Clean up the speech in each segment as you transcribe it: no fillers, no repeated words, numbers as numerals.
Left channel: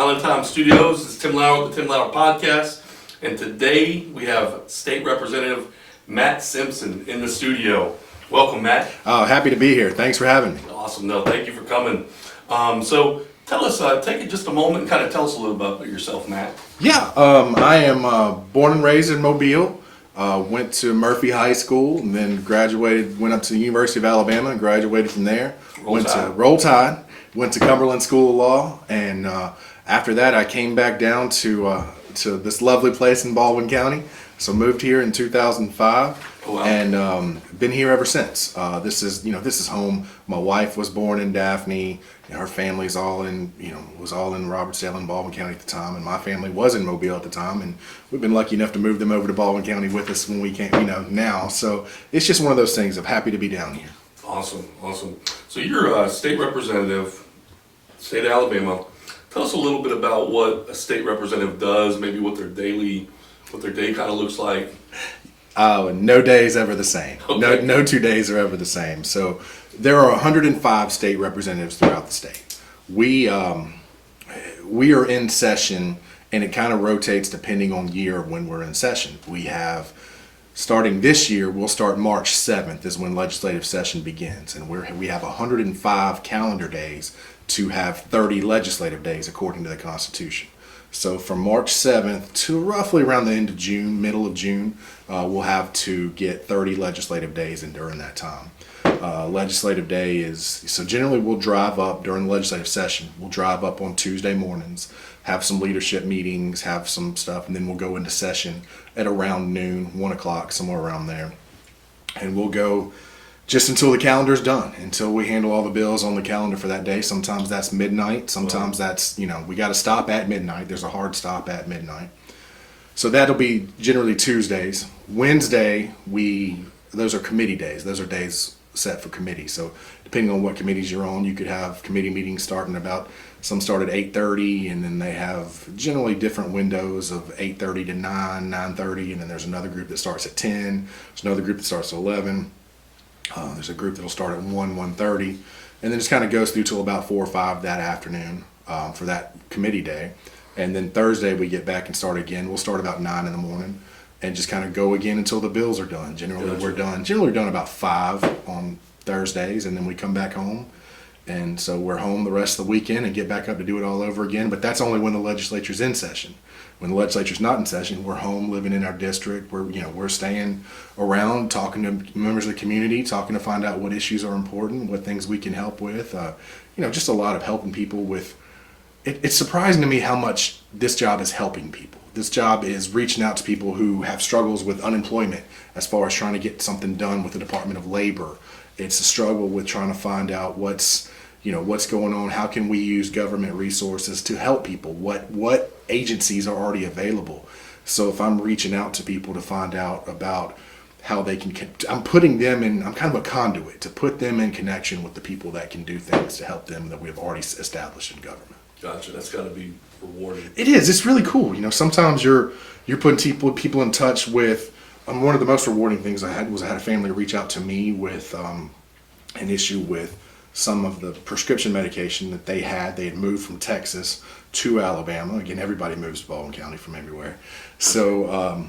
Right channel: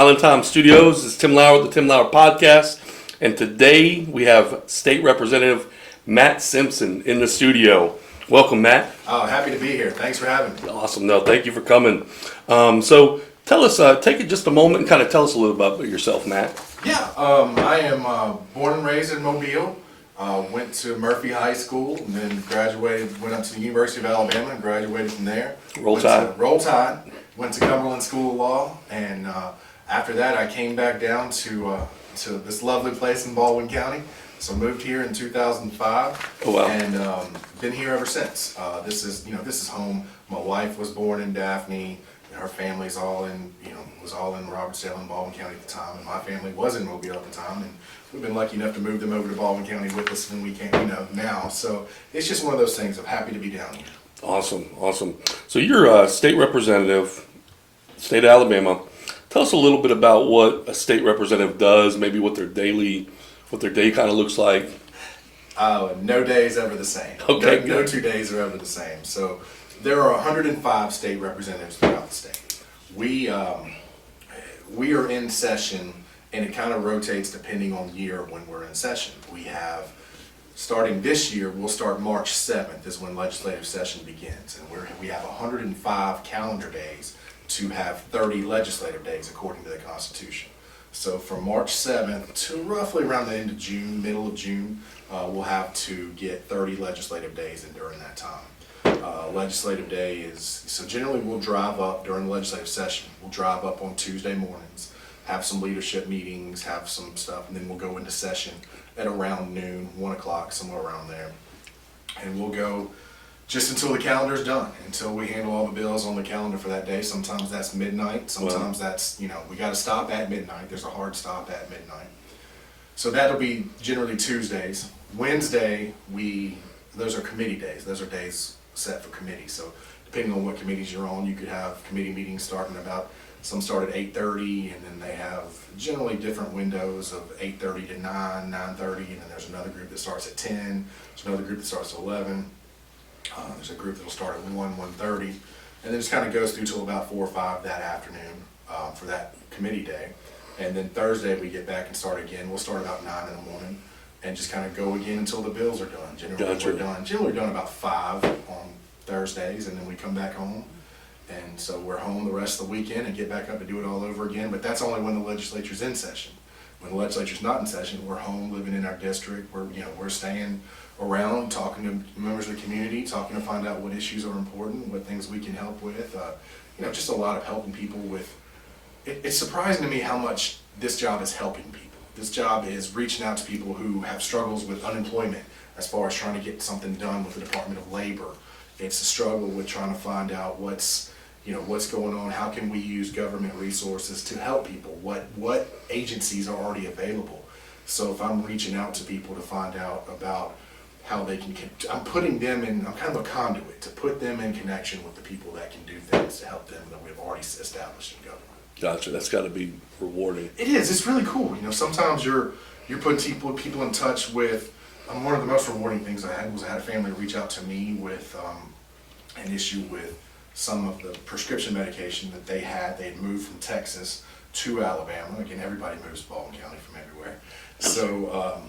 Island Time Studios. This is Tim Lauer with the Tim Lauer Podcast. And today we have State Representative Matt Simpson in the studio. Welcome, Matt. Happy to be here. Thanks for having me. Awesome. No, thank you for coming. So tell us, take just a moment and kind of tell us a little about yourself, Matt. Yeah, I am born and raised in Mobile. Went to Murphy High School and then went up to the University of Alabama and graduated from there. Roll Tide. Went to Cumberland School of Law, and after that I came back down to this lovely place in Baldwin County. So moved here in 2005, Oh, wow. and been here ever since. This is home. My wife was born in Daphne. Her family's was all in Robertsdale and Baldwin County at the time, and my family was in Mobile at the time, and we've been lucky enough to move them over to Baldwin County with us when we came, now. So it's just one of those things. I'm happy to be down here. Awesome. So you're a state representative, state of Alabama. Tell us a little bit about what a state representative does, maybe what their day kind of looks like. No day is ever the same. Okay. No 2 days are ever the same. So there are 105 state representatives throughout the state. We are in session, and it kind of rotates depending on year when we're in session. We have, starting this year, we'll start March 7th is when legislative session begins, and we have 105 calendar days to have 30 legislative days according to the Constitution. So from March 7th to roughly around the end of June, middle of June, we'll have to get 30 legislative days in during that time. Legislative day so generally we'll drive up during the legislative session. We'll drive up on Tuesday mornings, have some leadership meetings, have some stuff, and then we'll go into session at around noon, 1 o'clock, somewhere around there. And we'll go just until the calendar's done, until we handle all the bills on the calendar for that day. Sometimes that's midnight, sometimes that's, we got to stop at midnight. There's a hard stop at midnight. So that'll be generally Tuesdays. Wednesday, those are committee days. Those are days set for committee. So depending on what committees you're on, you could have committee meetings starting some start at 8:30, and then they have generally different windows of 8:30 to 9:30, and then there's another group that starts at 10. There's another group that starts at 11. There's a group that'll start at 1:30, and then just kind of goes through till about 4 or 5 that afternoon for that committee day. And then Thursday we get back and start again. We'll start about 9 in the morning and just kind of go again until the bills are done. Generally we're done about 5 on Thursdays, and then we come back home. And so we're home the rest of the weekend and get back up to do it all over again. But that's only when the legislature's in session. When the legislature's not in session, we're home living in our district. We're staying around, talking to members of the community, talking to find out what issues are important, what things we can help with. Just a lot of helping people with. It's surprising to me how much this job is helping people. This job is reaching out to people who have struggles with unemployment as far as trying to get something done with the Department of Labor. It's a struggle with trying to find out what's going on. How can we use government resources to help people? What agencies are already available? So if I'm reaching out to people to find out about how they can, I'm kind of a conduit to put them in connection with the people that can do things to help them that we've already established in government. Gotcha. That's got to be rewarding. It is. It's really cool. Sometimes you're putting people in touch with. One of the most rewarding things I had a family reach out to me with an issue with some of the prescription medication that they had. They had moved from Texas to Alabama. Again, everybody moves to Baldwin County from everywhere. So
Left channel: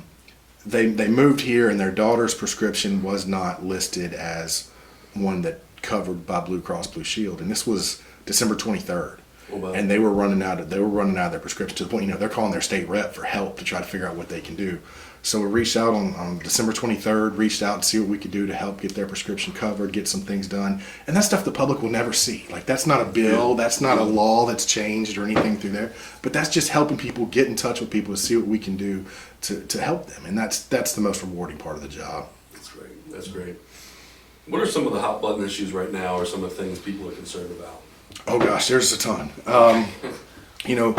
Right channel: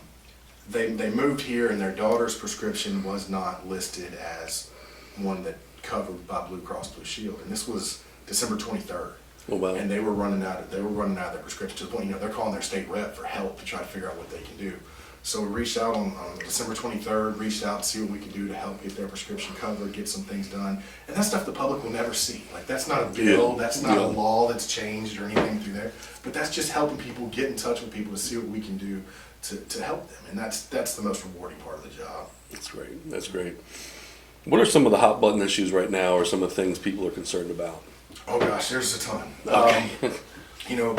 they moved here, and their daughter's prescription was not listed as one that covered by Blue Cross Blue Shield, and this was December 23rd. Oh, wow. And they were running out of their prescription to the point, they're calling their state rep for help to try to figure out what they can do. So we reached out on December 23rd, reached out to see what we could do to help get their prescription covered, get some things done. And that's stuff the public will never see. Like, that's not a bill, that's not a law that's changed or anything through there. But that's just helping people get in touch with people to see what we can do to help them. And that's the most rewarding part of the job. That's great. What are some of the hot button issues right now, or some of the things people are concerned about? Oh gosh, there's a ton. Okay. You're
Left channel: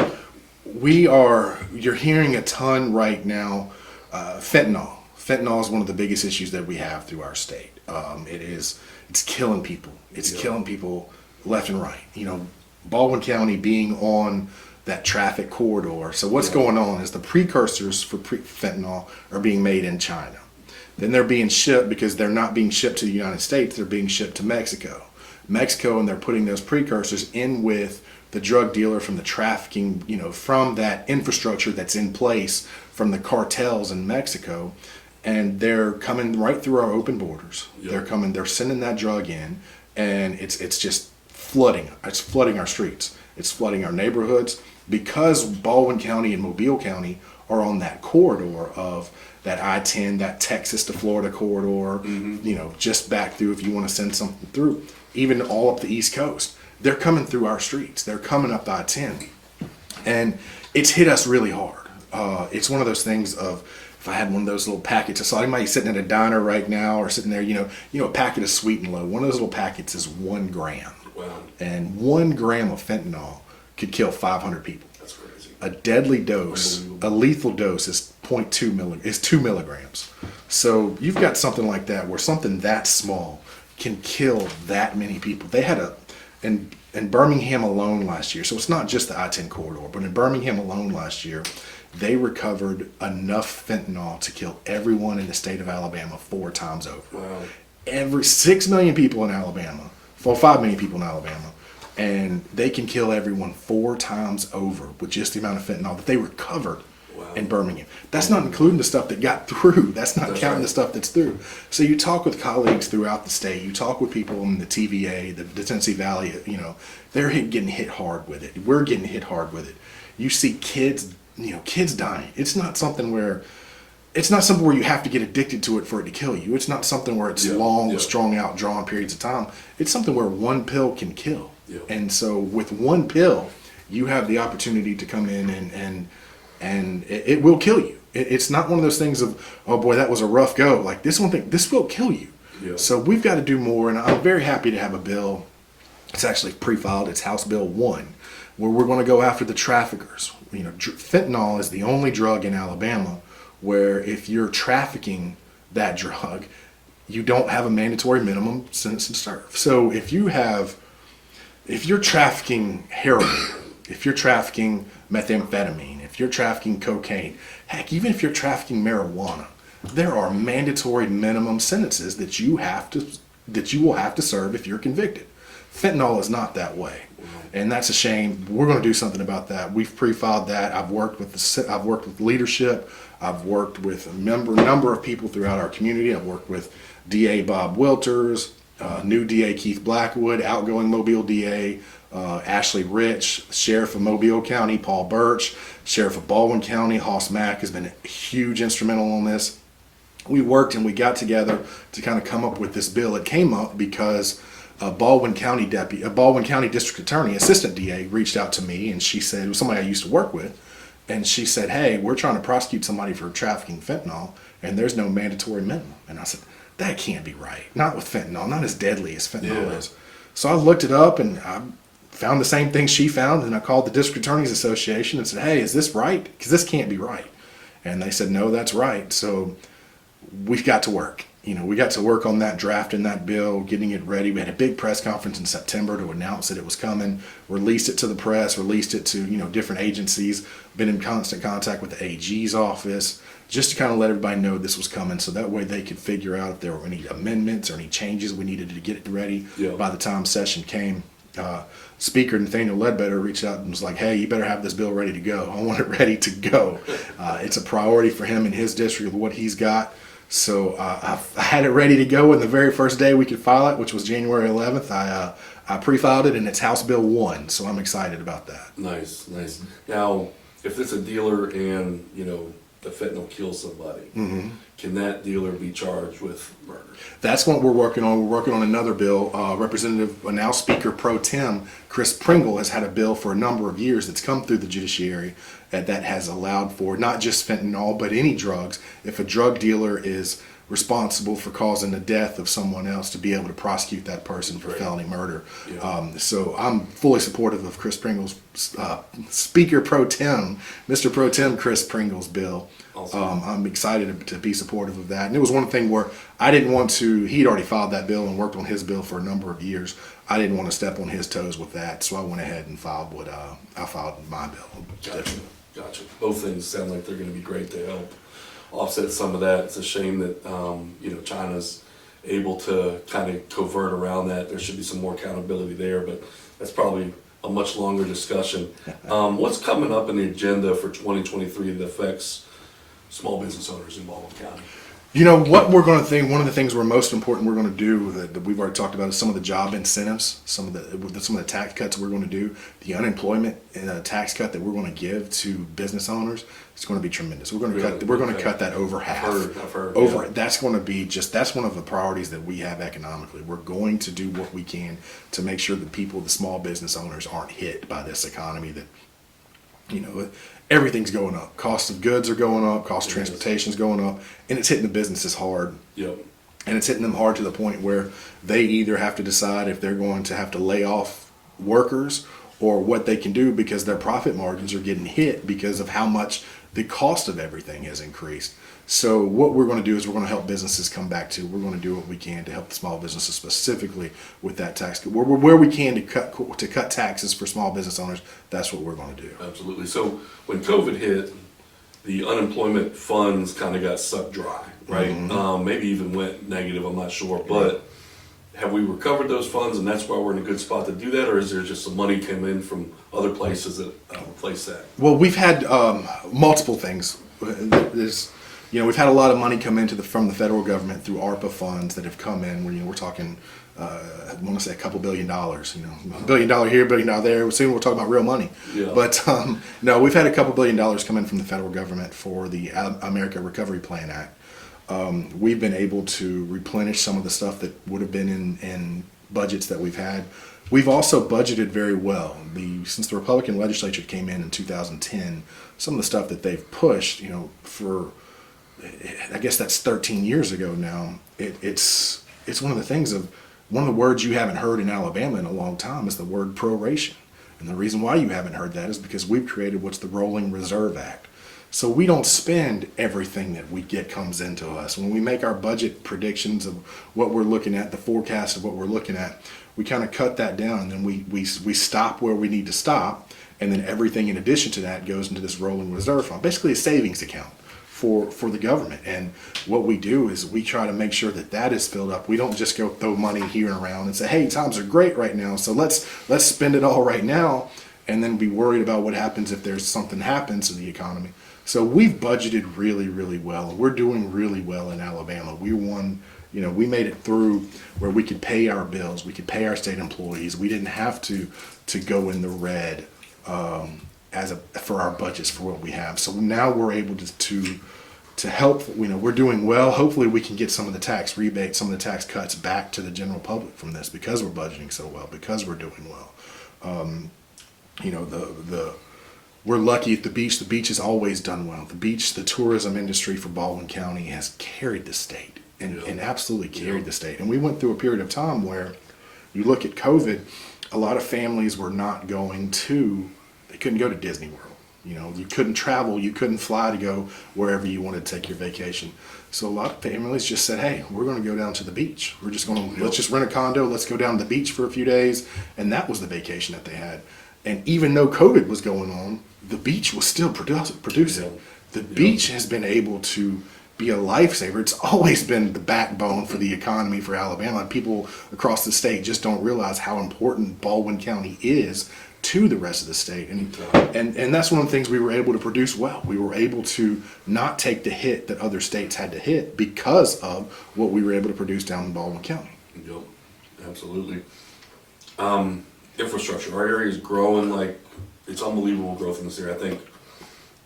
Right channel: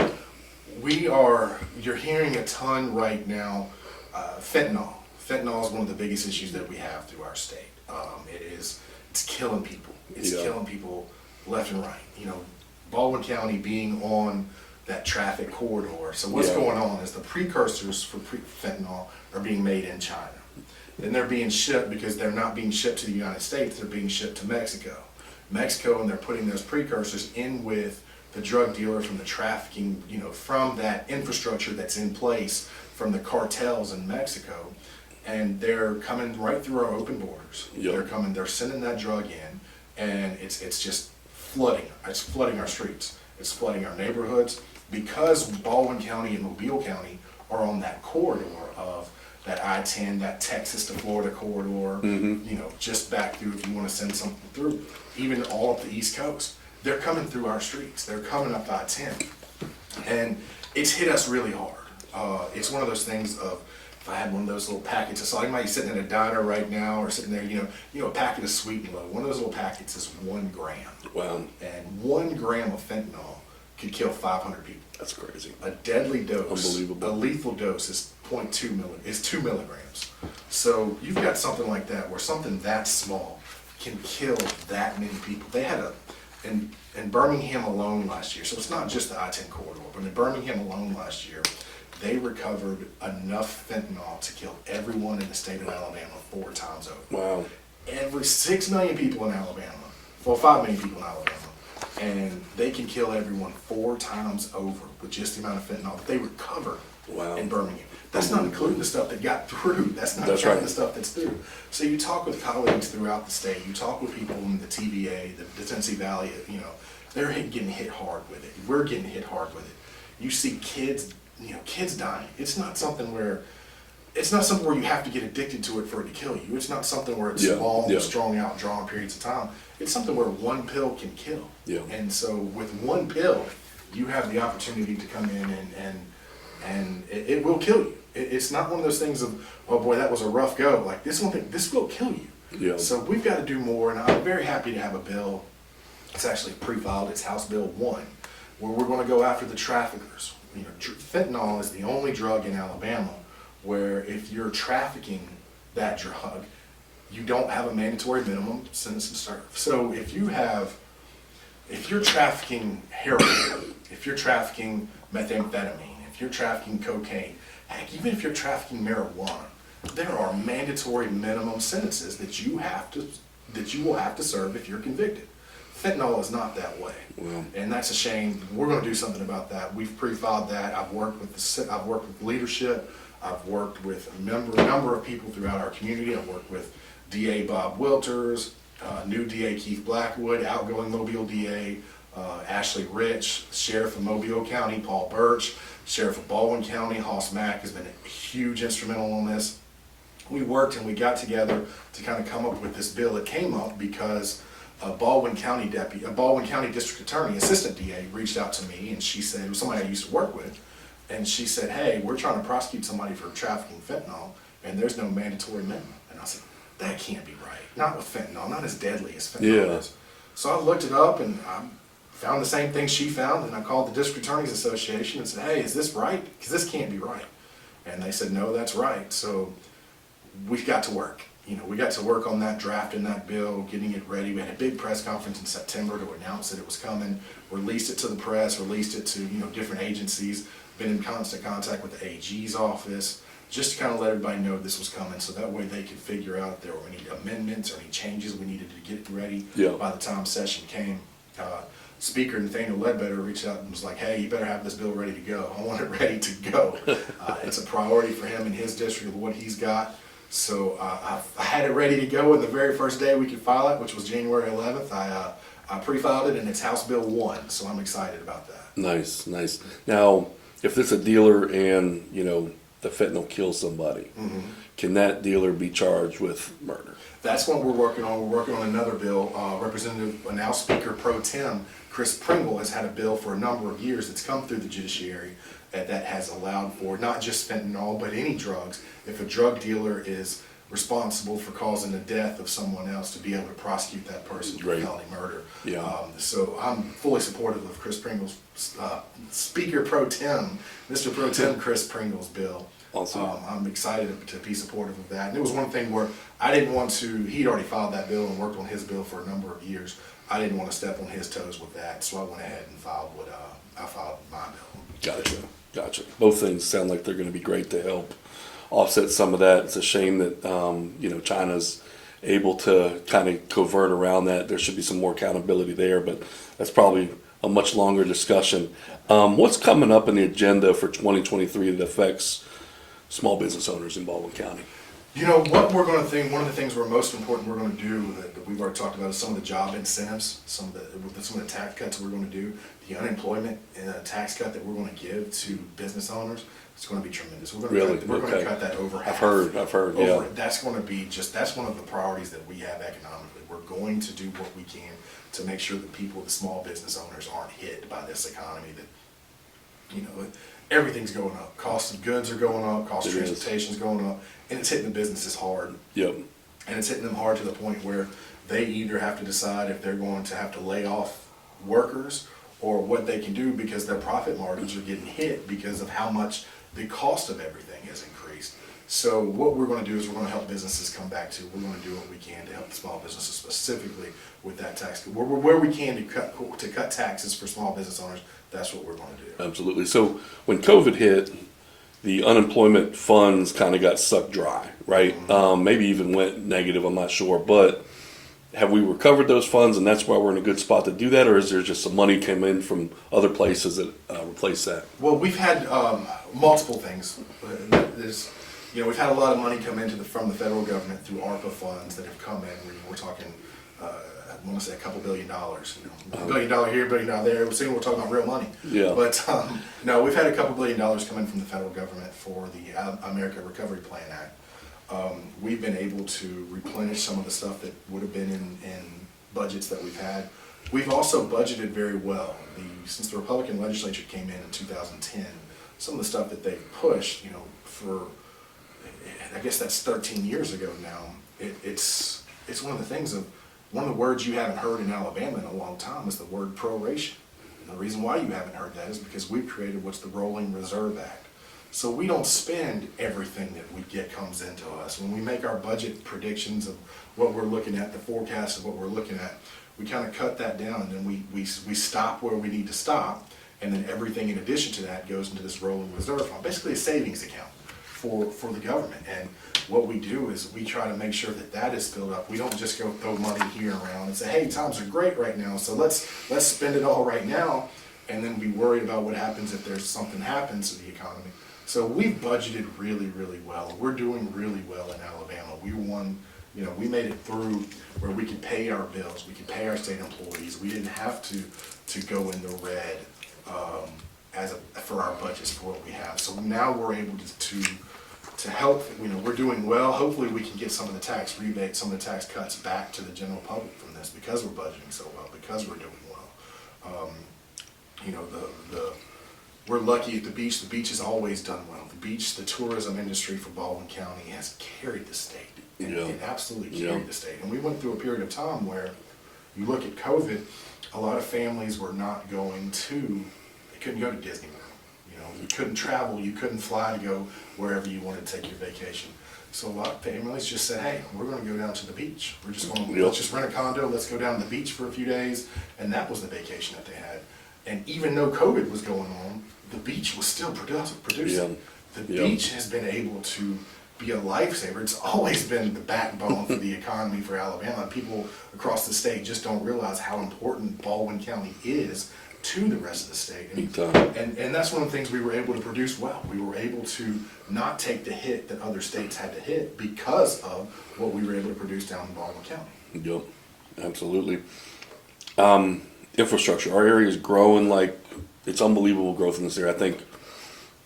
hearing a ton right now. Fentanyl. Fentanyl is one of the biggest issues that we have through our state. It's killing people. It's killing people left and right. Baldwin County being on that traffic corridor. So what's going on is the precursors for fentanyl are being made in China. Then they're being shipped, because they're not being shipped to the United States, they're being shipped to Mexico. And they're putting those precursors in with the drug dealer, from the trafficking, from that infrastructure that's in place from the cartels in Mexico, and they're coming right through our open borders. Yep. They're sending that drug in, and it's just flooding. It's flooding our streets. It's flooding our neighborhoods because Baldwin County and Mobile County are on that corridor of that I-10, that Texas to Florida corridor, just back through if you want to send something through, even all up the East Coast. They're coming through our streets. They're coming up I-10. And it's hit us really hard. It's one of those things of, if I had one of those little packets, I saw anybody sitting at a diner right now or sitting there, a packet of Sweet and Low. One of those little packets is 1 gram. Wow. And 1 gram of fentanyl could kill 500 people. That's crazy. A deadly dose, Unbelievable. a lethal dose is 2 milligrams. So you've got something like that where something that small can kill that many people. They had in Birmingham alone last year, so it's not just the I-10 corridor, but in Birmingham alone last year, they recovered enough fentanyl to kill everyone in the state of Alabama 4 times over. Wow. Every 6 million people in Alabama, 5 million people in Alabama, and they can kill everyone 4 times over with just the amount of fentanyl that they recovered. Wow. In Birmingham. That's not including the stuff that got through. That's not counting right. the stuff that's through. So you talk with colleagues throughout the state. You talk with people in the TVA, the Tennessee Valley. They're getting hit hard with it. We're getting hit hard with it. You see kids, kids dying. It's not something where you have to get addicted to it for it to kill you. It's not something where it's long, strung out, drawn periods of time. It's something where 1 pill can kill. Yeah. And so with 1 pill, you have the opportunity to come in and it will kill you. It's not one of those things of, oh boy, that was a rough go. Like this will kill you. Yeah. So we've got to do more, and I'm very happy to have a bill. It's actually pre-filed. It's House Bill 1, where we're going to go after the traffickers. Fentanyl is the only drug in Alabama where if you're trafficking that drug, you don't have a mandatory minimum sentence to serve. So if you're trafficking heroin, if you're trafficking methamphetamine, if you're trafficking cocaine, heck, even if you're trafficking marijuana, there are mandatory minimum sentences that you will have to serve if you're convicted. Fentanyl is not that way, and that's a shame. We're going to do something about that. We've pre-filed that. I've worked with leadership. I've worked with a number of people throughout our community. I've worked with DA Bob Wilters, new DA Keith Blackwood, outgoing Mobile DA Ashley Rich, Sheriff of Mobile County Paul Birch, Sheriff of Baldwin County Hoss Mack has been a huge instrumental on this. We worked and we got together to kind of come up with this bill. It came up because a Baldwin County District Attorney, Assistant DA, reached out to me, and she said, it was somebody I used to work with, and she said, hey, we're trying to prosecute somebody for trafficking fentanyl, and there's no mandatory minimum. And I said, that can't be right. Not with fentanyl, not as deadly as fentanyl is. So I looked it up, and I found the same thing she found, and I called the District Attorneys Association and said, hey, is this right? Because this can't be right. And they said, no, that's right. So we got to work. We got to work on that, drafting that bill, getting it ready. We had a big press conference in September to announce that it was coming, released it to the press, released it to, different agencies, been in constant contact with the AG's office, just to kind of let everybody know this was coming, so that way they could figure out if there were any amendments or any changes we needed to get it ready by the time session came. Speaker Nathaniel Ledbetter reached out and was like, hey, you better have this bill ready to go. I want it ready to go. It's a priority for him in his district with what he's got. So I had it ready to go, and the very first day we could file it, which was January 11th, I pre-filed it, and it's House Bill 1, so I'm excited about that. Nice. Now, if it's a dealer and, the fentanyl kills somebody, can that dealer be charged with murder? That's what we're working on. We're working on another bill. Now Speaker Pro Tem Chris Pringle has had a bill for a number of years that's come through the judiciary that has allowed for not just fentanyl, but any drugs. If a drug dealer is responsible for causing the death of someone else, to be able to prosecute that person for felony murder. So I'm fully supportive of Chris Pringle's Speaker Pro Tem, Mr. Pro Tem Chris Pringle's bill. Awesome. I'm excited to be supportive of that. And it was one thing where I didn't want to, he'd already filed that bill and worked on his bill for a number of years. I didn't want to step on his toes with that, so I went ahead and filed my bill. Gotcha. Both things sound like they're going to be great to help offset some of that. It's a shame that China's able to kind of covert around that. There should be some more accountability there, but that's probably a much longer discussion. What's coming up in the agenda for 2023 that affects small business owners in Baldwin County? You know what we're going to think. One of the things we're most important we're going to do that we've already talked about is some of the job incentives, some of the tax cuts we're going to do. The unemployment tax cut that we're going to give to business owners is going to be tremendous. We're going to cut that over half. I've heard. Over Yeah. That's going to be that's one of the priorities that we have economically. We're going to do what we can to make sure that the small business owners aren't hit by this economy that, everything's going up. Cost of goods are going up. Cost of transportation's going up, and it's hitting the businesses hard. Yep. And it's hitting them hard to the point where they either have to decide if they're going to have to lay off workers or what they can do because their profit margins are getting hit because of how much the cost of everything has increased. So what we're going to do is we're going to help businesses come back to. We're going to do what we can to help the small businesses specifically with that tax. Where we can to cut taxes for small business owners, that's what we're going to do. Absolutely. So when COVID hit, the unemployment funds kind of got sucked dry, right? Maybe even went negative, I'm not sure. But have we recovered those funds and that's why we're in a good spot to do that? Or is there just some money came in from other places that replace that? Well, we've had multiple things. We've had a lot of money come from the federal government through ARPA funds that have come in. We're talking, I want to say a couple $1 billion. $1 billion here, $1 billion there. Soon we'll talk about real money. Yeah. But no, we've had a couple $1 billion come in from the federal government for the America Recovery Plan Act. We've been able to replenish some of the stuff that would have been in budgets that we've had. We've also budgeted very well. Since the Republican legislature came in 2010, some of the stuff that they've pushed, for I guess that's 13 years ago now. It's one of the things one of the words you haven't heard in Alabama in a long time is the word proration. And the reason why you haven't heard that is because we've created what's the Rolling Reserve Act. So we don't spend everything that we get comes into us. When we make our budget predictions of what we're looking at, the forecast of what we're looking at, we kind of cut that down and then we stop where we need to stop. And then everything in addition to that goes into this rolling reserve fund, basically a savings account for the government. And what we do is we try to make sure that is filled up. We don't just go throw money here and around and say, hey, times are great right now, so let's spend it all right now and then be worried about what happens if something happens to the economy. So we've budgeted really, really well. We're doing really well in Alabama. We made it through where we could pay our bills, we could pay our state employees. We didn't have to go in the red for our budgets for what we have. So now we're able to help. We're doing well. Hopefully we can get some of the tax rebates, some of the tax cuts back to the general public from this because we're budgeting so well, because we're doing well. We're lucky at the beach. The beach has always done well. The tourism industry for Baldwin County has carried the state and absolutely carried the state. And we went through a period of time where you look at COVID, a lot of families were not they couldn't go to Disney World. You couldn't travel, you couldn't fly to go wherever you wanted to take your vacation. So a lot of families just said, hey, we're going to go down to the beach. We're just going to, let's just rent a condo, let's go down to the beach for a few days. And that was the vacation that they had. And even though COVID was going on, the beach was still producing. Yeah. The beach has been able to be a lifesaver. It's always been the backbone for the economy for Alabama. People across the state just don't realize how important Baldwin County is to the rest of the state. And that's one of the things we were able to produce well. We were able to not take the hit that other states had to hit because of what we were able to produce down in Baldwin County. Yep, absolutely. Infrastructure. Our area is growing it's unbelievable growth in this area. I think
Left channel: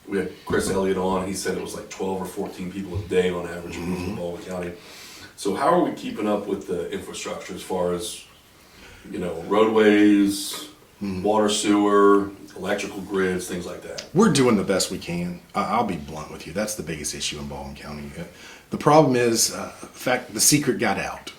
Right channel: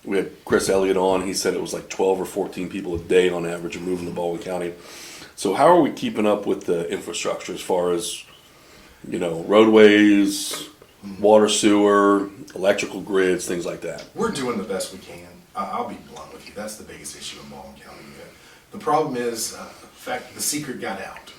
we had Chris Elliott on. He said it was like 12 or 14 people a day on average moving to Baldwin County. So how are we keeping up with the infrastructure as far as, roadways, water, sewer, electrical grids, things like that? We're doing the best we can. I'll be blunt with you. That's the biggest issue in Baldwin County. The problem is, in fact, the secret got out.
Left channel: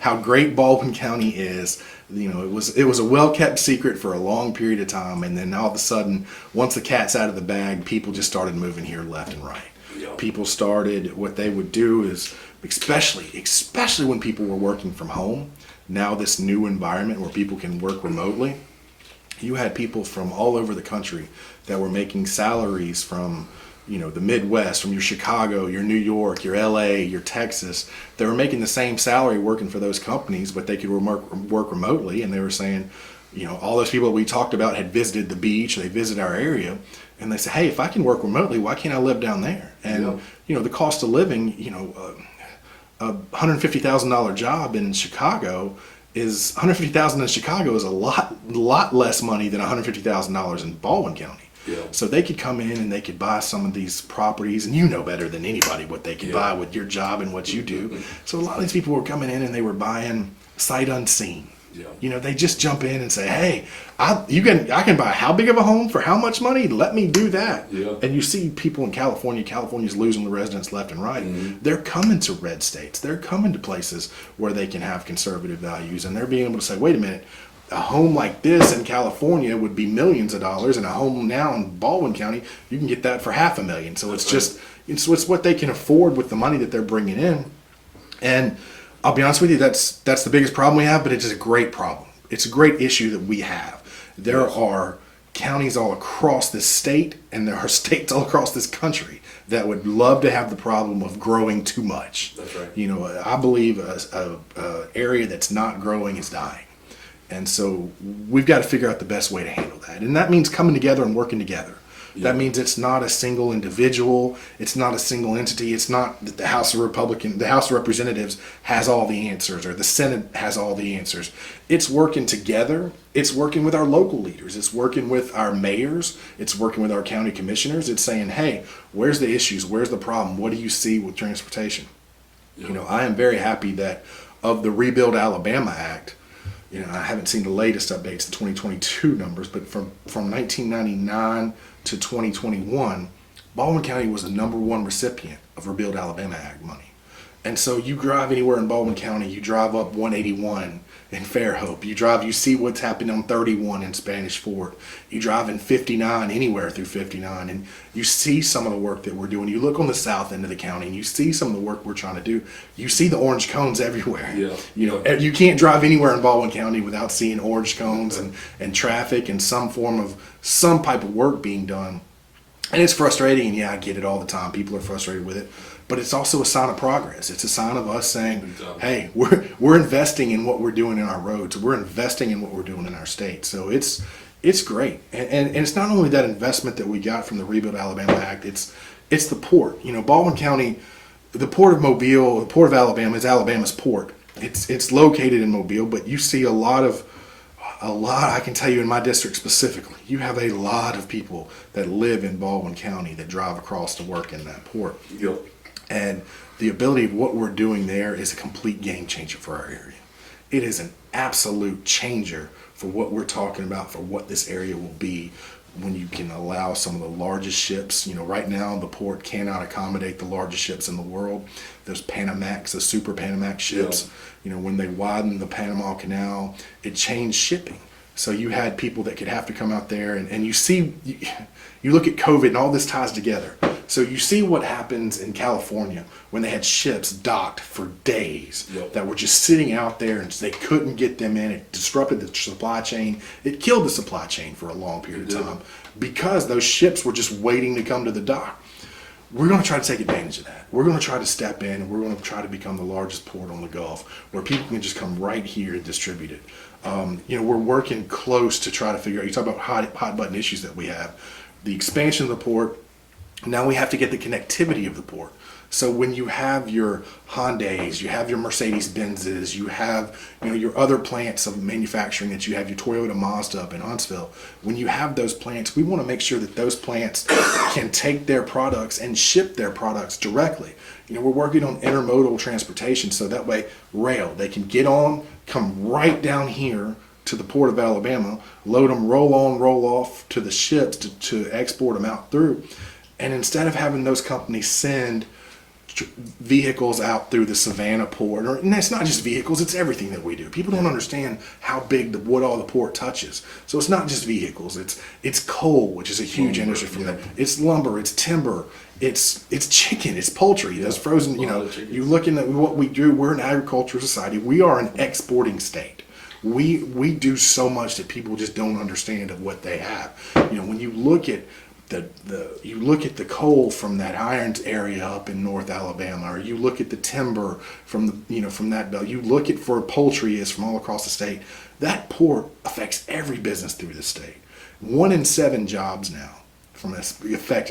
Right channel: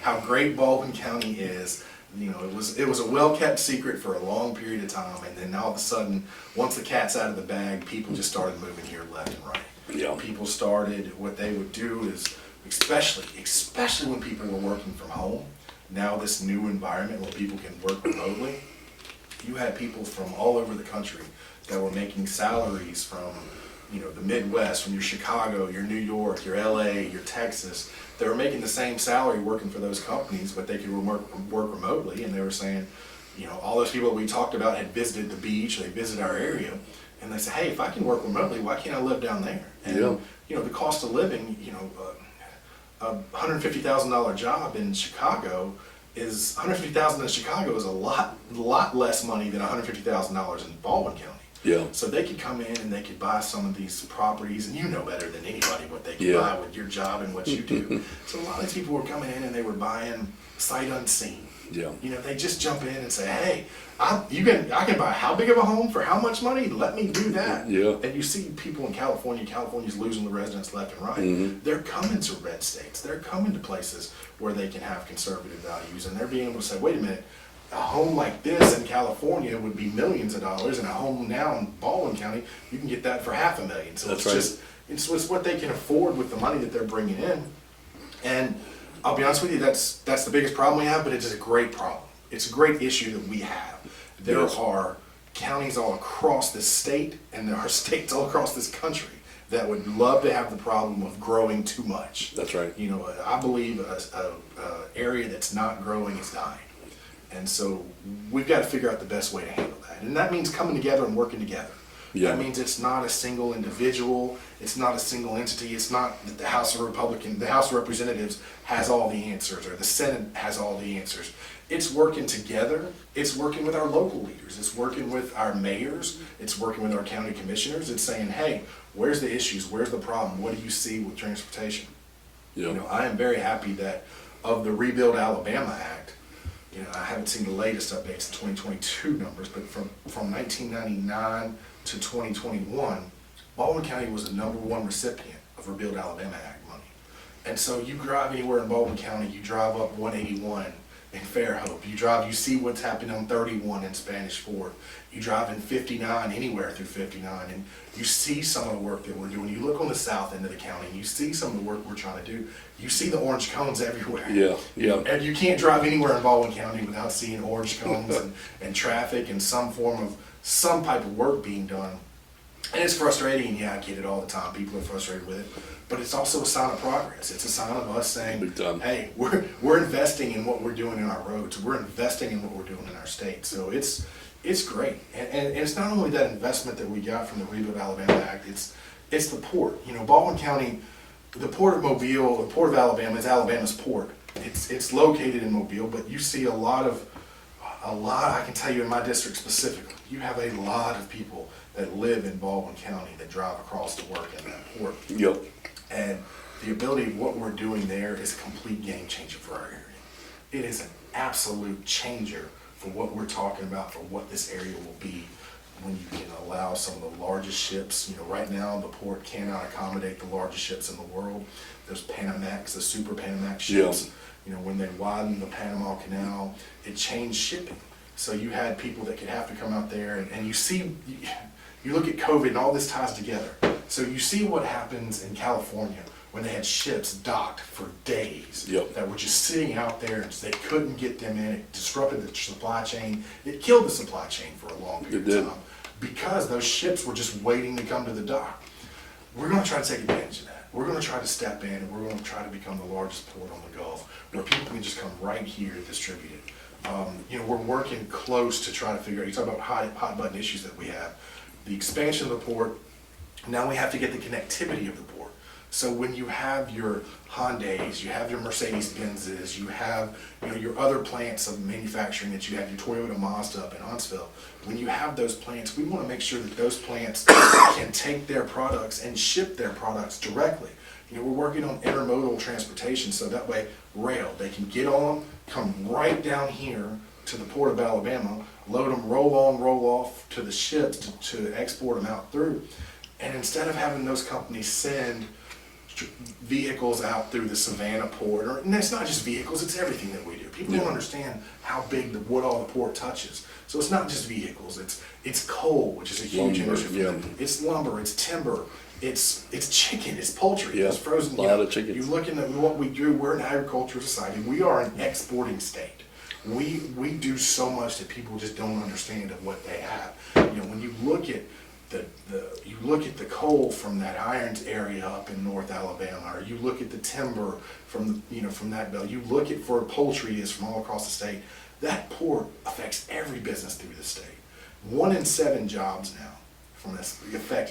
How great Baldwin County is. It was a well-kept secret for a long period of time, and then all of a sudden, once the cat's out of the bag, people just started moving here left and right. Yeah. People started, what they would do is, especially when people were working from home, now this new environment where people can work remotely, you had people from all over the country that were making salaries from the Midwest, from your Chicago, your New York, your LA, your Texas. They were making the same salary working for those companies, but they could work remotely, and they were saying, all those people that we talked about had visited the beach, they visited our area, and they say, hey, if I can work remotely, why can't I live down there? And, the cost of living, a $150,000 job in Chicago is $150,000 in Chicago is a lot less money than $150,000 in Baldwin County. Yeah. So they could come in and they could buy some of these properties, and you know better than anybody what they could buy with your job and what you do. So a lot of these people were coming in and they were buying sight unseen. Yeah. They just jump in and say, hey, I can buy how big of a home for how much money? Let me do that. Yeah. And you see people in California's losing the residents left and right. Mm-hmm. They're coming to red states. They're coming to places where they can have conservative values, and they're being able to say, wait a minute, a home like this in California would be millions of dollars, and a home now in Baldwin County, you can get that for $500,000. So it's what they can afford with the money that they're bringing in. And I'll be honest with you, that's the biggest problem we have, but it is a great problem. It's a great issue that we have. There are counties all across this state, and there are states all across this country that would love to have the problem of growing too much. That's right. I believe a area that's not growing is dying. And so we've got to figure out the best way to handle that. And that means coming together and working together. Yeah. That means it's not a single individual. It's not a single entity. It's not that the House of Representatives has all the answers, or the Senate has all the answers. It's working together. It's working with our local leaders. It's working with our mayors. It's working with our county commissioners. It's saying, hey, where's the issues? Where's the problem? What do you see with transportation? Yeah. I am very happy that of the Rebuild Alabama Act, I haven't seen the latest updates, the 2022 numbers, but from 1999 to 2021, Baldwin County was the #1 recipient of Rebuild Alabama Act money. And so you drive anywhere in Baldwin County, you drive up 181 in Fairhope, you see what's happening on 31 in Spanish Fort, you drive in 59, anywhere through 59, and you see some of the work that we're doing. You look on the south end of the county and you see some of the work we're trying to do. You see the orange cones everywhere. Yeah. You can't drive anywhere in Baldwin County without seeing orange cones and traffic and some type of work being done. And it's frustrating, and I get it all the time. People are frustrated with it. But it's also a sign of progress. It's a sign of us saying, hey, we're investing in what we're doing in our roads. We're investing in what we're doing in our state. So it's great. And it's not only that investment that we got from the Rebuild Alabama Act, it's the port. Baldwin County, the Port of Mobile, the Port of Alabama is Alabama's port. It's located in Mobile, but you see a lot, I can tell you in my district specifically, you have a lot of people that live in Baldwin County that drive across to work in that port. Yep. And the ability of what we're doing there is a complete game changer for our area. It is an absolute changer for what we're talking about, for what this area will be when you can allow some of the largest ships. Right now the port cannot accommodate the largest ships in the world. Those Panamax, the super Panamax ships, when they widened the Panama Canal, it changed shipping. So you had people that could have to come out there, and you look at COVID and all this ties together. So you see what happens in California when they had ships docked for days that were just sitting out there and they couldn't get them in. It disrupted the supply chain. It killed the supply chain for a long period of time because those ships were just waiting to come to the dock. We're going to try to take advantage of that. We're going to try to step in, and we're going to try to become the largest port on the Gulf where people can just come right here and distribute it. We're working close to try to figure out, you talk about hot button issues that we have. The expansion of the port, now we have to get the connectivity of the port. So when you have your Hyundais, you have your Mercedes-Benzes, you have your other plants of manufacturing that you have, your Toyota Mazda up in Huntsville. When you have those plants, we want to make sure that those plants can take their products and ship their products directly. We're working on intermodal transportation, so that way rail, they can get on, come right down here to the Port of Alabama, load them, roll on, roll off to the ships to export them out through. And instead of having those companies send vehicles out through the Savannah port, and it's not just vehicles, it's everything that we do. People don't understand how big what all the port touches. So it's not just vehicles, it's coal, which is a huge industry for them. It's lumber, it's timber, it's chicken, it's poultry, it's frozen. You look at what we do, we're an agricultural society. We are an exporting state. We do so much that people just don't understand of what they have. When you look at you look at the coal from that Irons area up in North Alabama, or you look at the timber from from that belt. You look at where poultry is from all across the state. That port affects every business through the state. 1 in 7 jobs now from this effect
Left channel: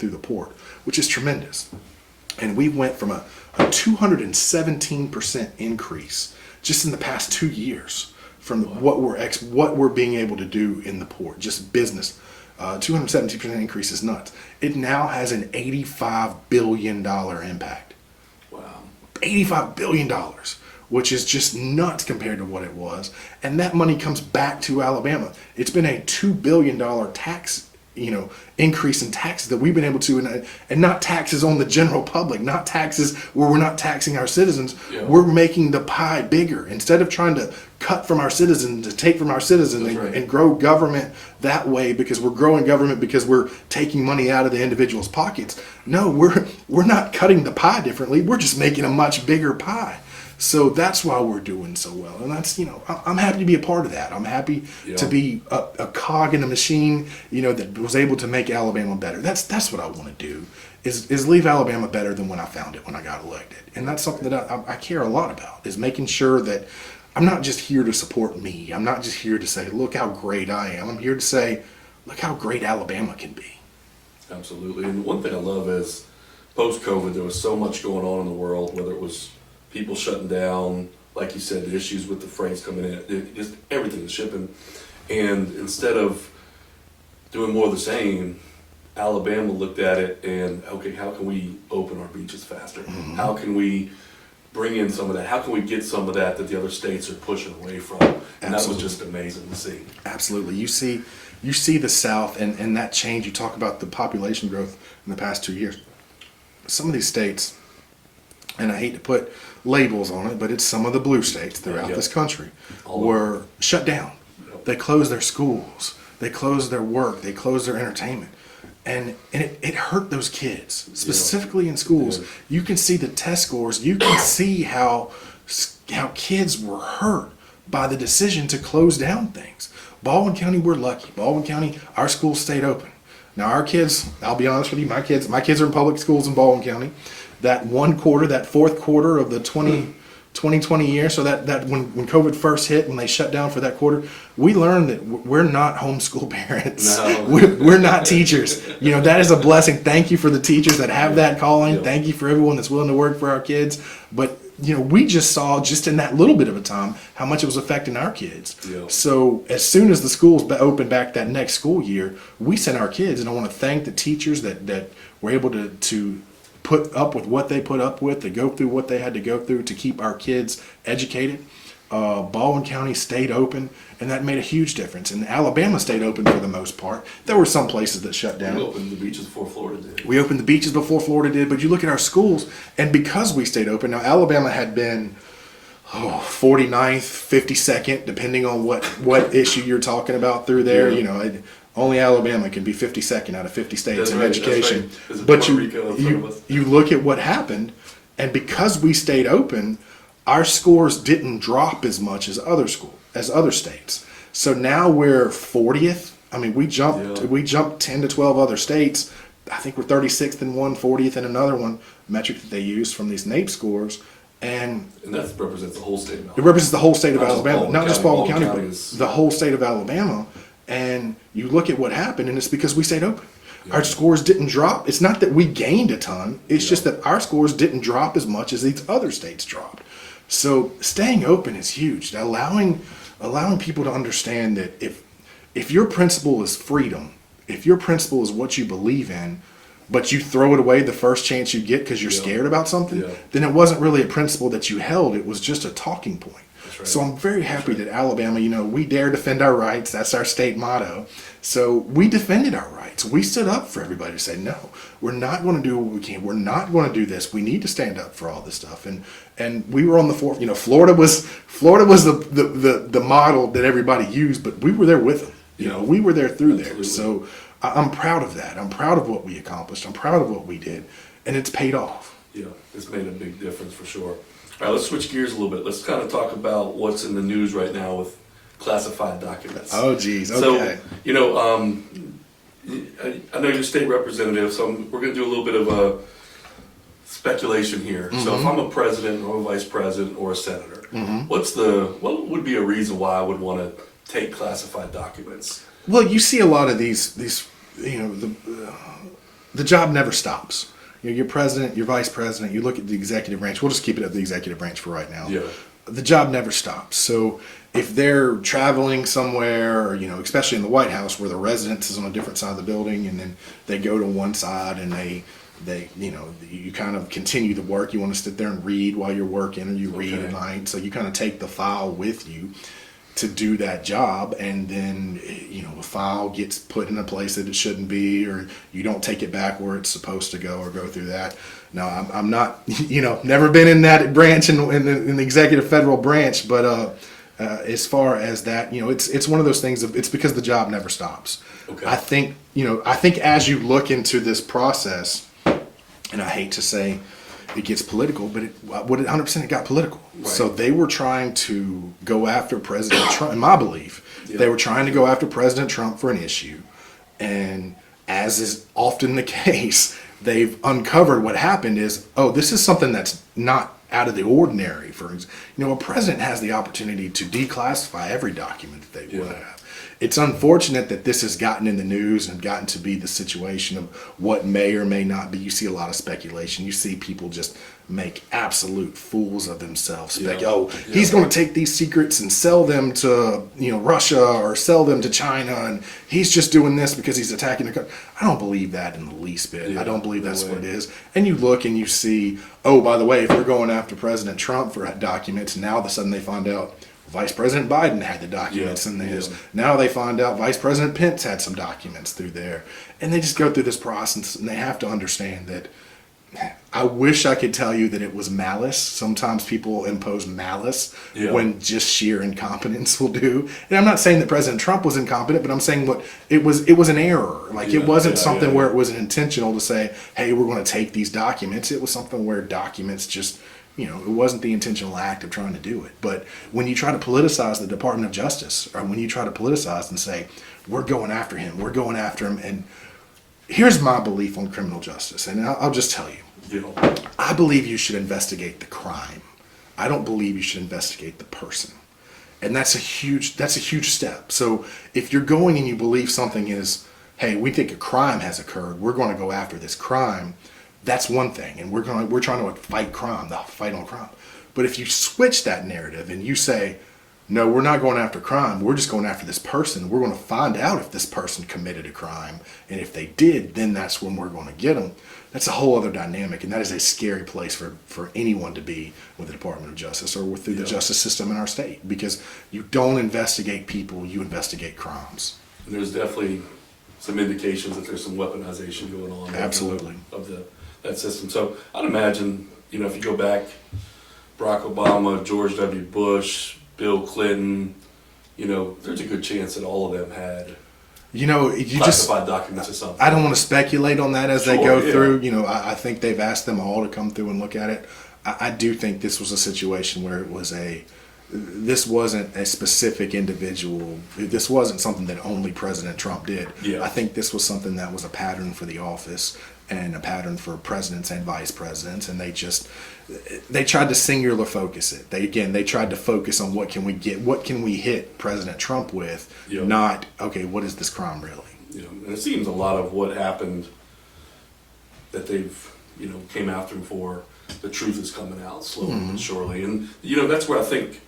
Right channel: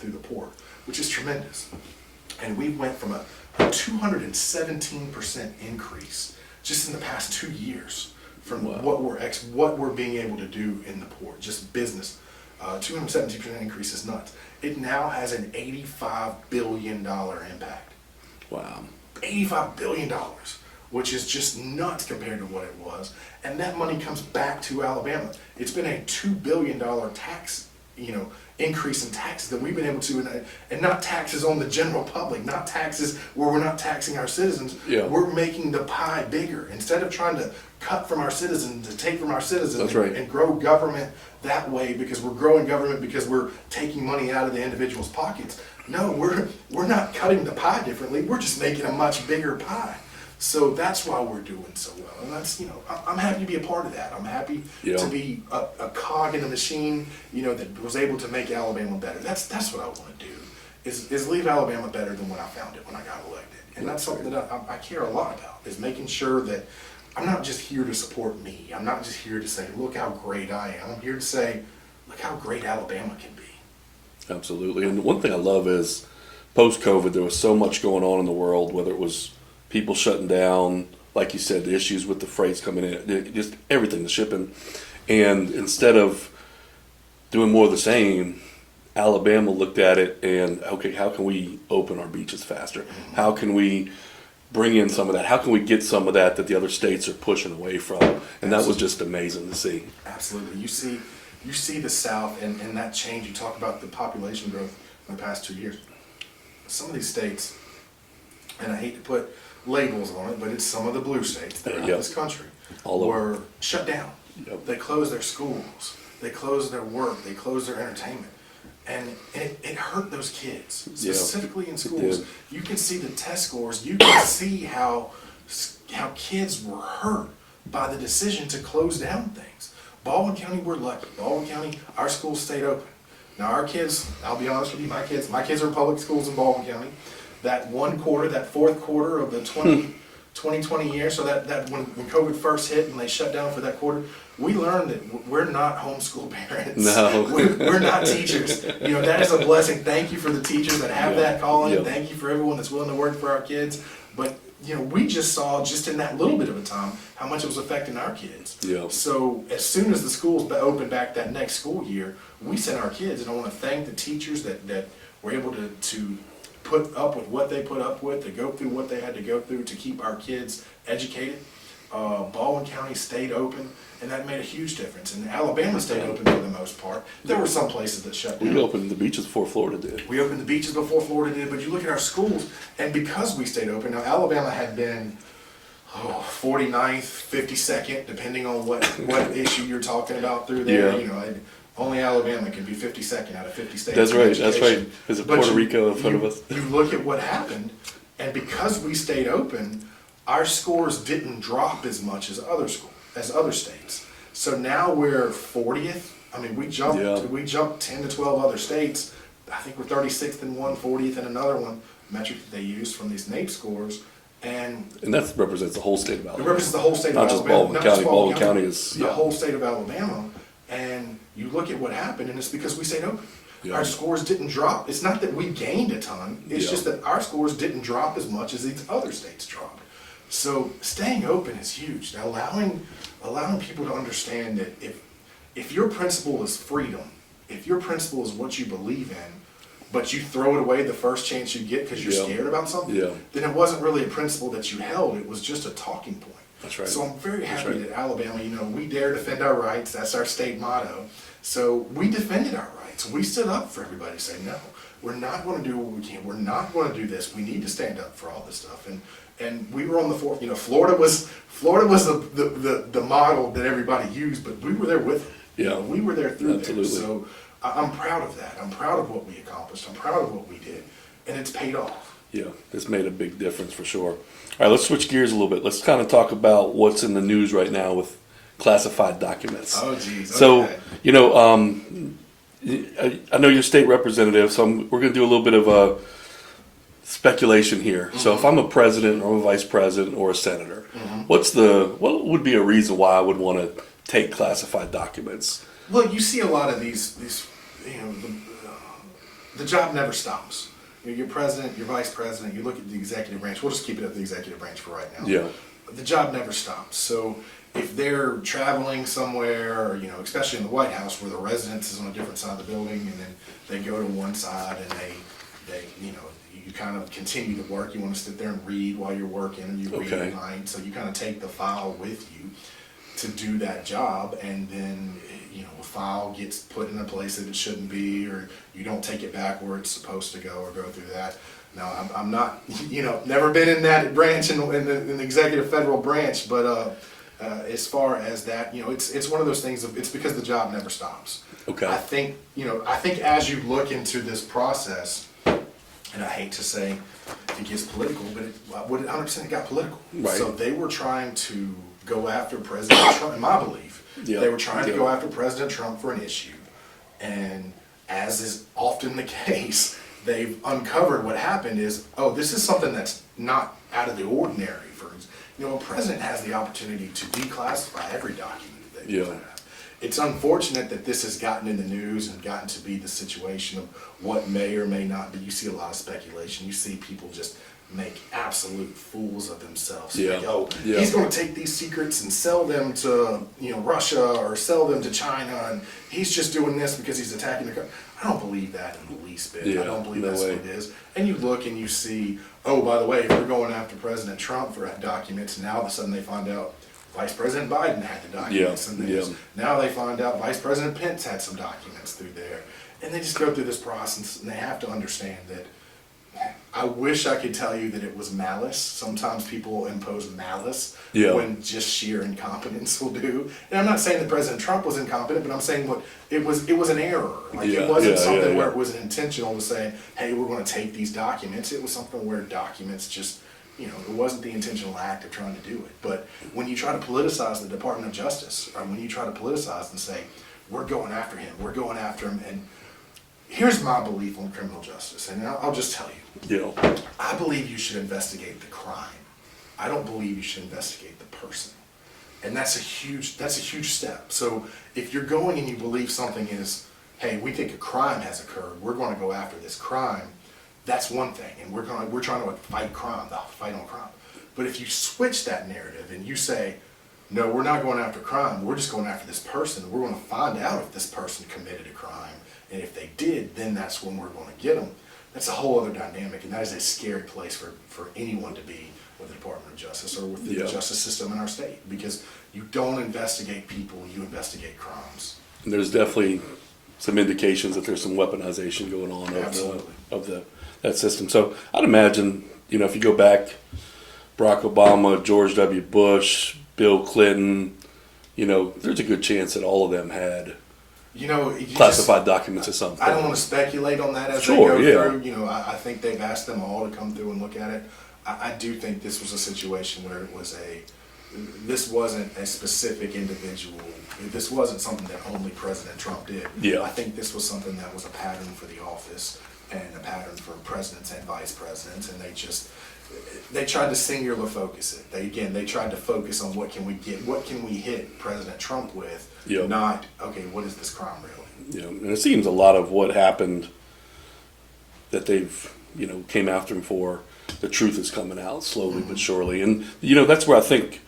through the port, which is tremendous. And we went from a 217% increase just in the past 2 years from what we're being able to do in the port, just business. 217% increase is nuts. It now has an $85 billion impact. Wow. $85 billion, which is just nuts compared to what it was. And that money comes back to Alabama. It's been a $2 billion tax increase in taxes that we've been able to, and not taxes on the general public, not taxes where we're not taxing our citizens. Yeah. We're making the pie bigger. Instead of trying to cut from our citizens, to take from our citizens and grow government that way, because we're growing government because we're taking money out of the individual's pockets. No, we're not cutting the pie differently. We're just making a much bigger pie. So that's why we're doing so well, and that's I'm happy to be a part of that. I'm happy to be a cog in the machine, that was able to make Alabama better. That's what I want to do, is leave Alabama better than when I found it when I got elected, and that's something that I care a lot about, is making sure that I'm not just here to support me. I'm not just here to say, look how great I am. I'm here to say, look how great Alabama can be. Absolutely, and one thing I love is post-COVID, there was so much going on in the world, whether it was people shutting down, like you said, the issues with the freights coming in, just everything, the shipping. And instead of doing more of the same, Alabama looked at it and, okay, how can we open our beaches faster? Mm-hmm. How can we bring in some of that? How can we get some of that the other states are pushing away from? And that was just amazing to see. Absolutely. You see the South and that change. You talk about the population growth in the past 2 years. Some of these states, and I hate to put labels on it, but it's some of the blue states throughout this country were shut down. Yep. They closed their schools. They closed their work. They closed their entertainment. And it hurt those kids, specifically in schools. You can see the test scores. You can see how kids were hurt by the decision to close down things. Baldwin County, we're lucky. Baldwin County, our schools stayed open. Now our kids, I'll be honest with you, my kids are in public schools in Baldwin County. That fourth quarter of the 2020 year, so that when COVID first hit, when they shut down for that quarter, we learned that we're not homeschool parents. No. We're not teachers. That is a blessing. Thank you for the teachers that have that calling. Yep. Thank you for everyone that's willing to work for our kids. But we just saw just in that little bit of a time how much it was affecting our kids. Yep. So as soon as the schools opened back that next school year, we sent our kids, and I want to thank the teachers that were able to put up with what they put up with, to go through what they had to go through to keep our kids educated. Baldwin County stayed open, and that made a huge difference. And Alabama stayed open for the most part. There were some places that shut down. We opened the beaches before Florida did. We opened the beaches before Florida did, but you look at our schools, and because we stayed open, now Alabama had been 49th, 52nd, depending on what issue you're talking about through there. Only Alabama can be 52nd out of 50 states in education. That's right. There's Puerto Rico in front of us. You look at what happened, and because we stayed open, our scores didn't drop as much as other states. So now we're 40th. I mean, we jumped 10 to 12 other states. I think we're 36th in one, 40th in another one, metric that they use from these NAEP scores. And that represents the whole state of Alabama. It represents the whole state of Alabama. Not just Baldwin County, the whole state of Alabama. And you look at what happened, and it's because we stayed open. Yeah. Our scores didn't drop. It's not that we gained a ton. It's just that our scores didn't drop as much as these other states dropped. So staying open is huge. Allowing people to understand that if your principle is freedom, if your principle is what you believe in, but you throw it away the first chance you get because you're scared about something, then it wasn't really a principle that you held. It was just a talking point. That's right. So I'm very happy that Alabama, we dare defend our rights. That's our state motto. So we defended our rights. We stood up for everybody to say, no, we're not going to do what we can. We're not going to do this. We need to stand up for all this stuff. And we were on the forefront. Florida was the model that everybody used, but we were there with them. We were there through there. So I'm proud of that. I'm proud of what we accomplished. I'm proud of what we did, and it's paid off. Yeah, it's made a big difference for sure. All right, let's switch gears a little bit. Let's kind of talk about what's in the news right now with classified documents. Oh, geez. Okay. So, I know you're state representative, so we're going to do a little bit of a speculation here. So if I'm a president or a vice president or a senator, what would be a reason why I would want to take classified documents? Well, you see a lot of these the job never stops. You're president, you're vice president, you look at the executive branch. We'll just keep it at the executive branch for right now. Yeah. The job never stops. So if they're traveling somewhere, or, especially in the White House where the residence is on a different side of the building, and then they go to one side and they you kind of continue to work. You want to sit there and read while you're working, or you read at night. So you kind of take the file with you to do that job, and then a file gets put in a place that it shouldn't be, or you don't take it back where it's supposed to go, or go through that. Now I'm not never been in that branch in the executive federal branch, but as far as that, it's one of those things. It's because the job never stops. Okay. I think as you look into this process, and I hate to say it gets political, but it 100% got political. Right. So they were trying to go after President Trump, in my belief. Yep. They were trying to go after President Trump for an issue. And as is often the case, they've uncovered what happened is, this is something that's not out of the ordinary. A president has the opportunity to declassify every document that they want to have. It's unfortunate that this has gotten in the news and gotten to be the situation of what may or may not be. You see a lot of speculation. You see people just make absolute fools of themselves. He's going to take these secrets and sell them to Russia, or sell them to China, and he's just doing this because he's attacking the country. I don't believe that in the least bit. I don't believe that's what it is. And you look and you see, by the way, if they're going after President Trump for documents, now all of a sudden they find out Vice President Biden had the documents in theirs. Now they find out Vice President Pence had some documents through there. And they just go through this process, and they have to understand that I wish I could tell you that it was malice. Sometimes people impose malice when just sheer incompetence will do. And I'm not saying that President Trump was incompetent, but I'm saying it was an error. It wasn't something where it was intentional to say, hey, we're going to take these documents. It was something where documents just, it wasn't the intentional act of trying to do it. But when you try to politicize the Department of Justice, or when you try to politicize and say, we're going after him, and here's my belief on criminal justice, and I'll just tell you. I believe you should investigate the crime. I don't believe you should investigate the person. And that's a huge step. So if you're going and you believe something is, hey, we think a crime has occurred, we're going to go after this crime, that's one thing. And we're trying to fight crime, the fight on crime. But if you switch that narrative and you say, no, we're not going after crime, we're just going after this person. We're going to find out if this person committed a crime. And if they did, then that's when we're going to get them. That's a whole other dynamic, and that is a scary place for anyone to be with the Department of Justice or with the justice system in our state, because you don't investigate people, you investigate crimes. And there's definitely some indications that there's some weaponization going on. Absolutely. Of that system. So I'd imagine, if you go back, Barack Obama, George W. Bush, Bill Clinton, there's a good chance that all of them had classified documents or something. I don't want to speculate on that as they go through. I think they've asked them all to come through and look at it. I do think this was a situation where this wasn't a specific individual. This wasn't something that only President Trump did. Yeah. I think this was something that was a pattern for the office and a pattern for presidents and vice presidents, and they tried to singular focus it. They tried to focus on what can we hit President Trump with, not, okay, what is this crime really? And it seems a lot of what happened that they've, came after him for, the truth is coming out slowly but surely. And, that's where I think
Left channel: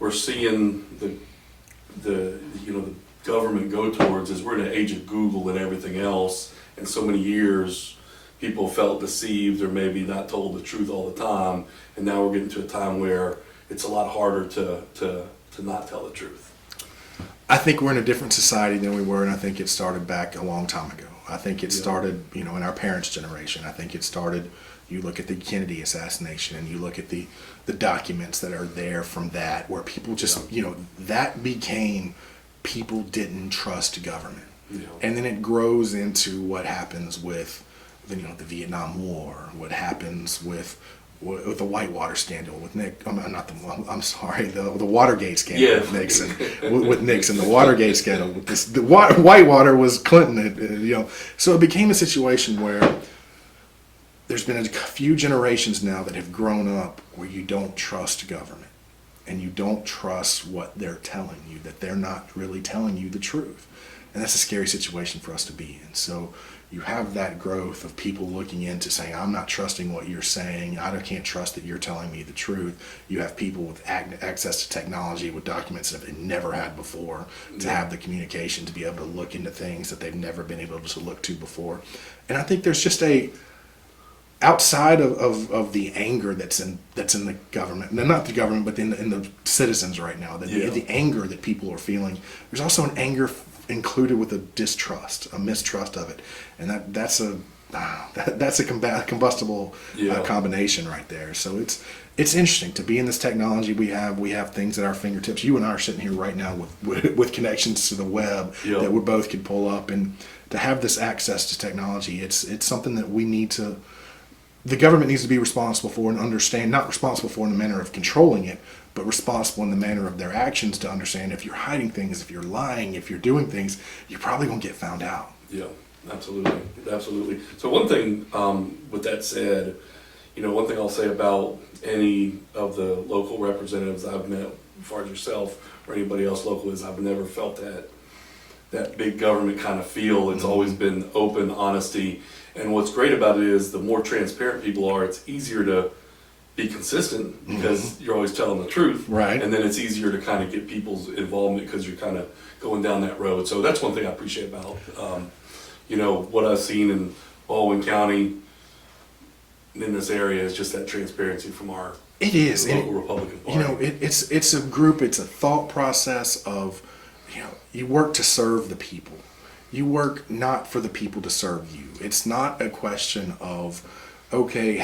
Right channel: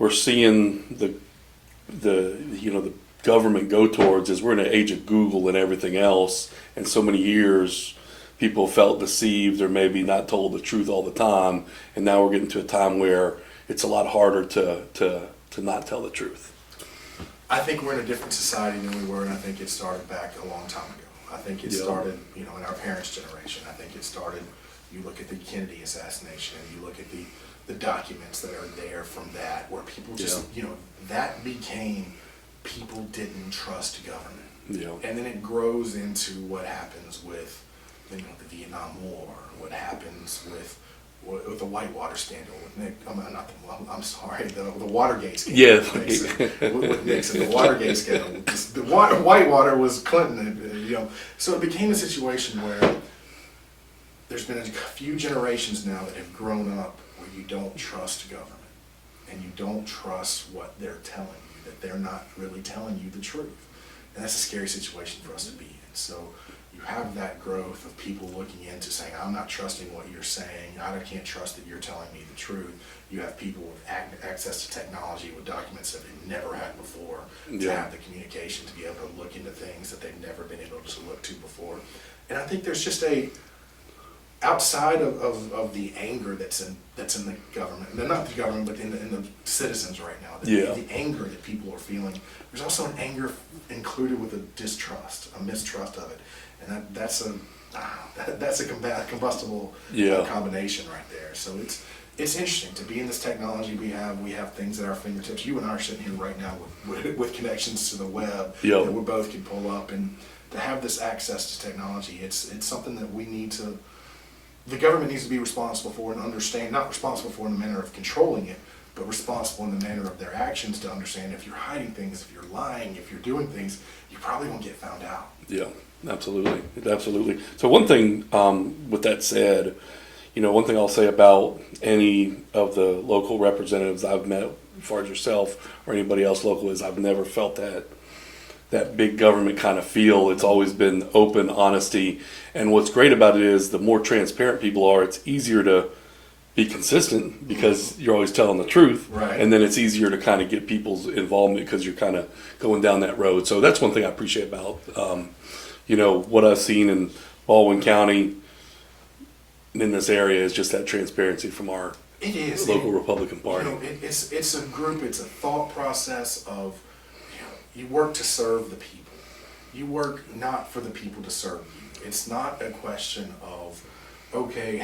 we're seeing the government go towards, is we're in an age of Google and everything else, and so many years people felt deceived or maybe not told the truth all the time, and now we're getting to a time where it's a lot harder to not tell the truth. I think we're in a different society than we were, and I think it started back a long time ago. I think it started, in our parents' generation. I think it started, you look at the Kennedy assassination, and you look at the documents that are there from that, where people just, that became, people didn't trust government. And then it grows into what happens with the Vietnam War, what happens with with the Whitewater scandal with Nick. I'm sorry, the Watergate scandal with Nixon. with Nixon, the Watergate scandal. Whitewater was Clinton, So it became a situation where there's been a few generations now that have grown up where you don't trust government. And you don't trust what they're telling you, that they're not really telling you the truth. And that's a scary situation for us to be in. So you have that growth of people looking into saying, I'm not trusting what you're saying. I can't trust that you're telling me the truth. You have people with access to technology, with documents that they've never had before, to have the communication, to be able to look into things that they've never been able to look to before. And I think there's just outside of the anger that's in the government, not the government, but in the citizens right now, the anger that people are feeling, there's also an anger included with a distrust, a mistrust of it, and that's a combustible combination right there. So it's interesting to be in this technology. We have things at our fingertips. You and I are sitting here right now with connections to the web that we both can pull up, and to have this access to technology, it's something that we need to. The government needs to be responsible for and understand, not responsible for in the manner of controlling it, but responsible in the manner of their actions to understand if you're hiding things, if you're lying, if you're doing things, you're probably going to get found out. Yeah, absolutely. Absolutely. So one thing, with that said, one thing I'll say about any of the local representatives I've met, as far as yourself or anybody else local, is I've never felt that big government kind of feel. It's always been open, honesty. And what's great about it is the more transparent people are, it's easier to be consistent because you're always telling the truth. Right. And then it's easier to kind of get people's involvement because you're kind of going down that road. So that's one thing I appreciate about, what I've seen in Baldwin County in this area is just that transparency from our local Republican Party. It's a group, it's a thought process of, you work to serve the people. You work not for the people to serve you. It's not a question of, okay,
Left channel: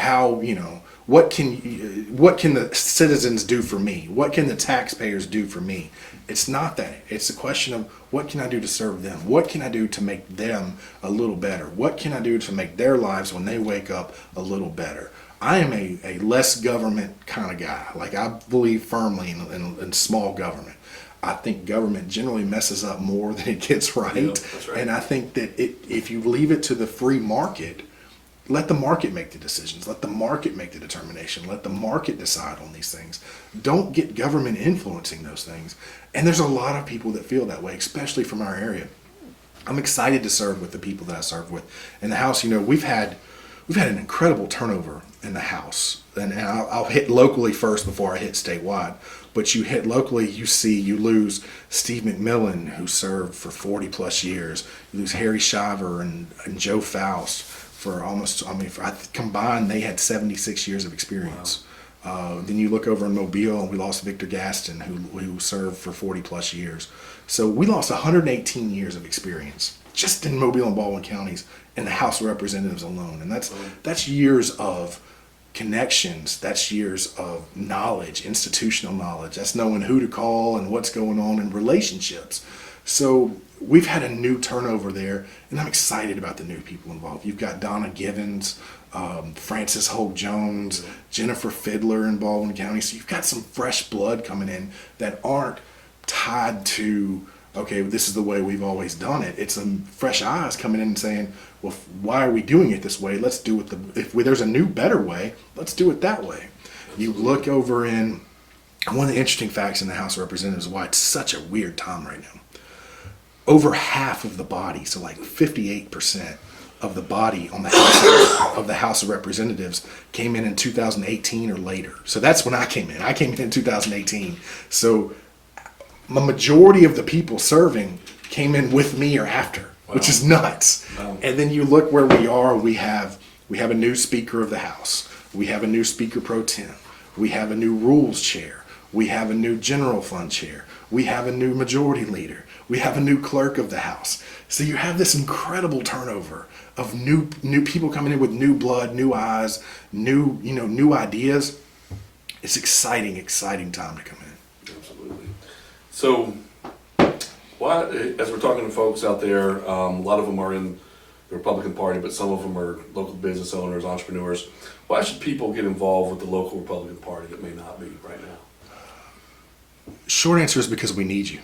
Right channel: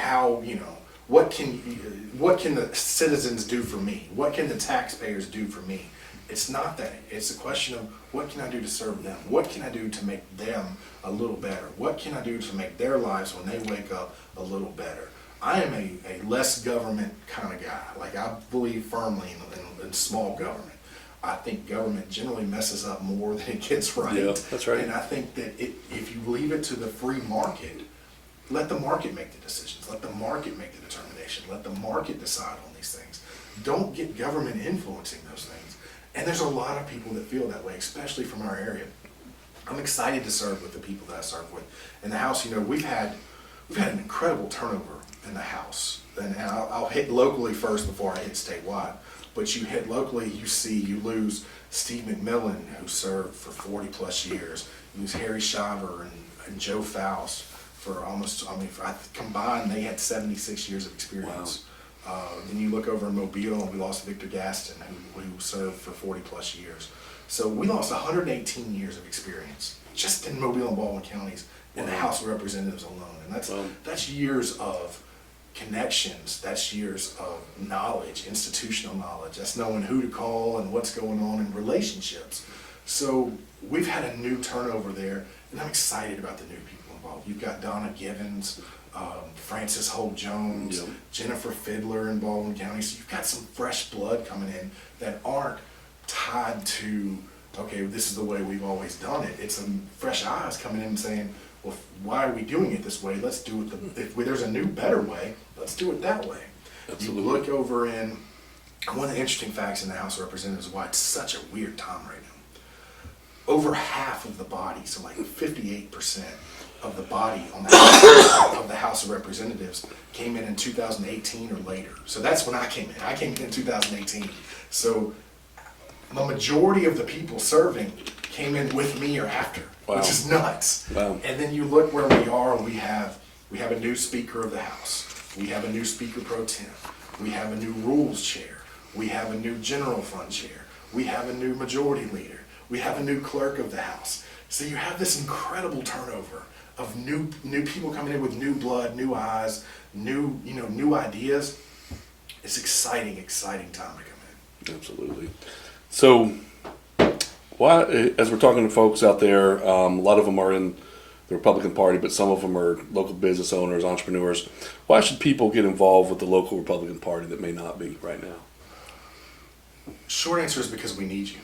what can the citizens do for me? What can the taxpayers do for me? It's not that. It's a question of, what can I do to serve them? What can I do to make them a little better? What can I do to make their lives when they wake up a little better? I am a less government kind of guy. Like, I believe firmly in small government. I think government generally messes up more than it gets right. Yeah, that's right. And I think that if you leave it to the free market, let the market make the decisions. Let the market make the determination. Let the market decide on these things. Don't get government influencing those things. And there's a lot of people that feel that way, especially from our area. I'm excited to serve with the people that I serve with. In the House, we've had an incredible turnover in the House. And I'll hit locally first before I hit statewide. But you hit locally, you lose Steve McMillan, who served for 40 plus years. You lose Harry Shiver and Joe Faust for almost, combined they had 76 years of experience. Wow. Then you look over in Mobile and we lost Victor Gaston, who served for 40 plus years. So we lost 118 years of experience just in Mobile and Baldwin counties in the House of Representatives alone. And that's years of connections, that's years of knowledge, institutional knowledge, that's knowing who to call and what's going on in relationships. So we've had a new turnover there, and I'm excited about the new people involved. You've got Donna Givens, Frances Holt Jones, Jennifer Fiddler in Baldwin County. So you've got some fresh blood coming in that aren't tied to, okay, this is the way we've always done it. It's some fresh eyes coming in and saying, well, why are we doing it this way? Let's do it if there's a new, better way, let's do it that way. Absolutely. You look over in, one of the interesting facts in the House of Representatives, why it's such a weird time right now. Over half of the body, so like 58% of the body on the House of Representatives came in 2018 or later. So that's when I came in. I came in 2018. So the majority of the people serving came in with me or after. Wow. Which is nuts. Wow. And then you look where we are. We have a new Speaker of the House. We have a new Speaker Pro Tem. We have a new Rules Chair. We have a new General Fund Chair. We have a new Majority Leader. We have a new Clerk of the House. So you have this incredible turnover of new people coming in with new blood, new eyes, new ideas. It's exciting time to come in. Absolutely. So, as we're talking to folks out there, a lot of them are in the Republican Party, but some of them are local business owners, entrepreneurs. Why should people get involved with the local Republican Party that may not be right now? Short answer is because we need you.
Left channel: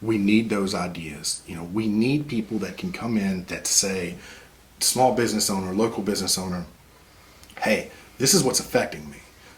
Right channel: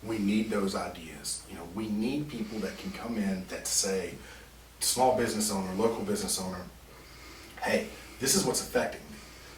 We need those ideas. We need people that can come in that say, small business owner, local business owner, hey, this is what's affecting me.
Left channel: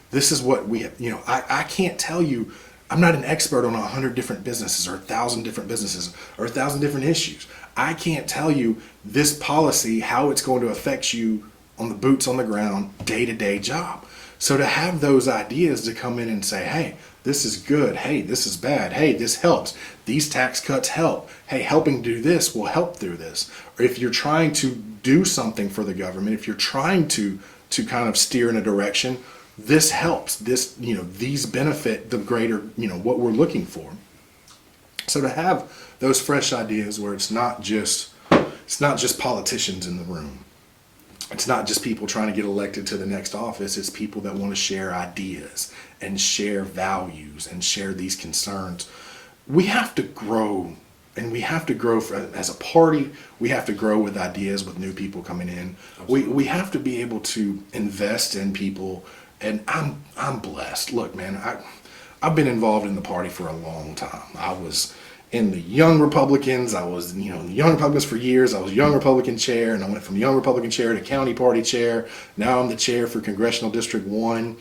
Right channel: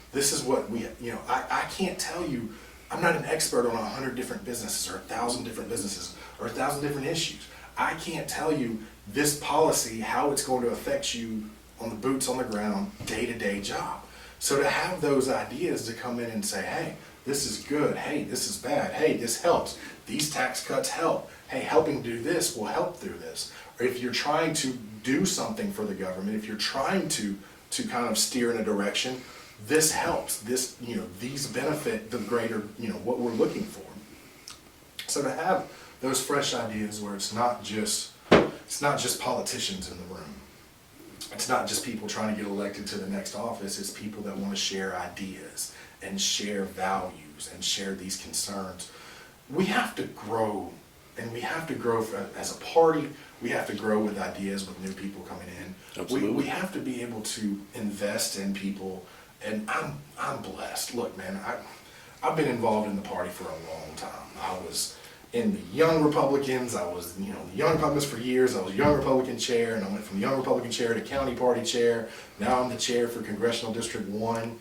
This is what we, I can't tell you, I'm not an expert on 100 different businesses or 1,000 different businesses or 1,000 different issues. I can't tell you this policy, how it's going to affect you on the boots on the ground, day-to-day job. So to have those ideas to come in and say, hey, this is good. Hey, this is bad. Hey, this helps. These tax cuts help. Hey, helping do this will help through this. Or if you're trying to do something for the government, if you're trying to kind of steer in a direction, this helps. This, these benefit the greater, what we're looking for. So to have those fresh ideas where it's not just politicians in the room. It's not just people trying to get elected to the next office. It's people that want to share ideas and share values and share these concerns. We have to grow, and we have to grow as a party. We have to grow with ideas, with new people coming in. We have to be able to invest in people, and I'm blessed. Look, man, I've been involved in the party for a long time. I was in the Young Republicans. I was, the Young Republicans for years. I was Young Republican chair, and I went from Young Republican chair to county party chair. Now I'm the chair for Congressional District 1.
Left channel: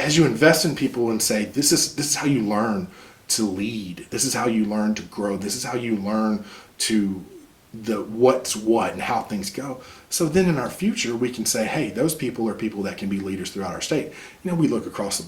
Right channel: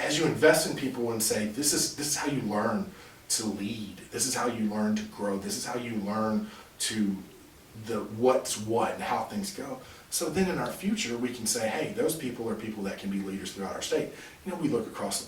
As you invest in people and say, this is how you learn to lead. This is how you learn to grow. This is how you learn to what's what and how things go. So then in our future, we can say, hey, those people are people that can be leaders throughout our state. We look across,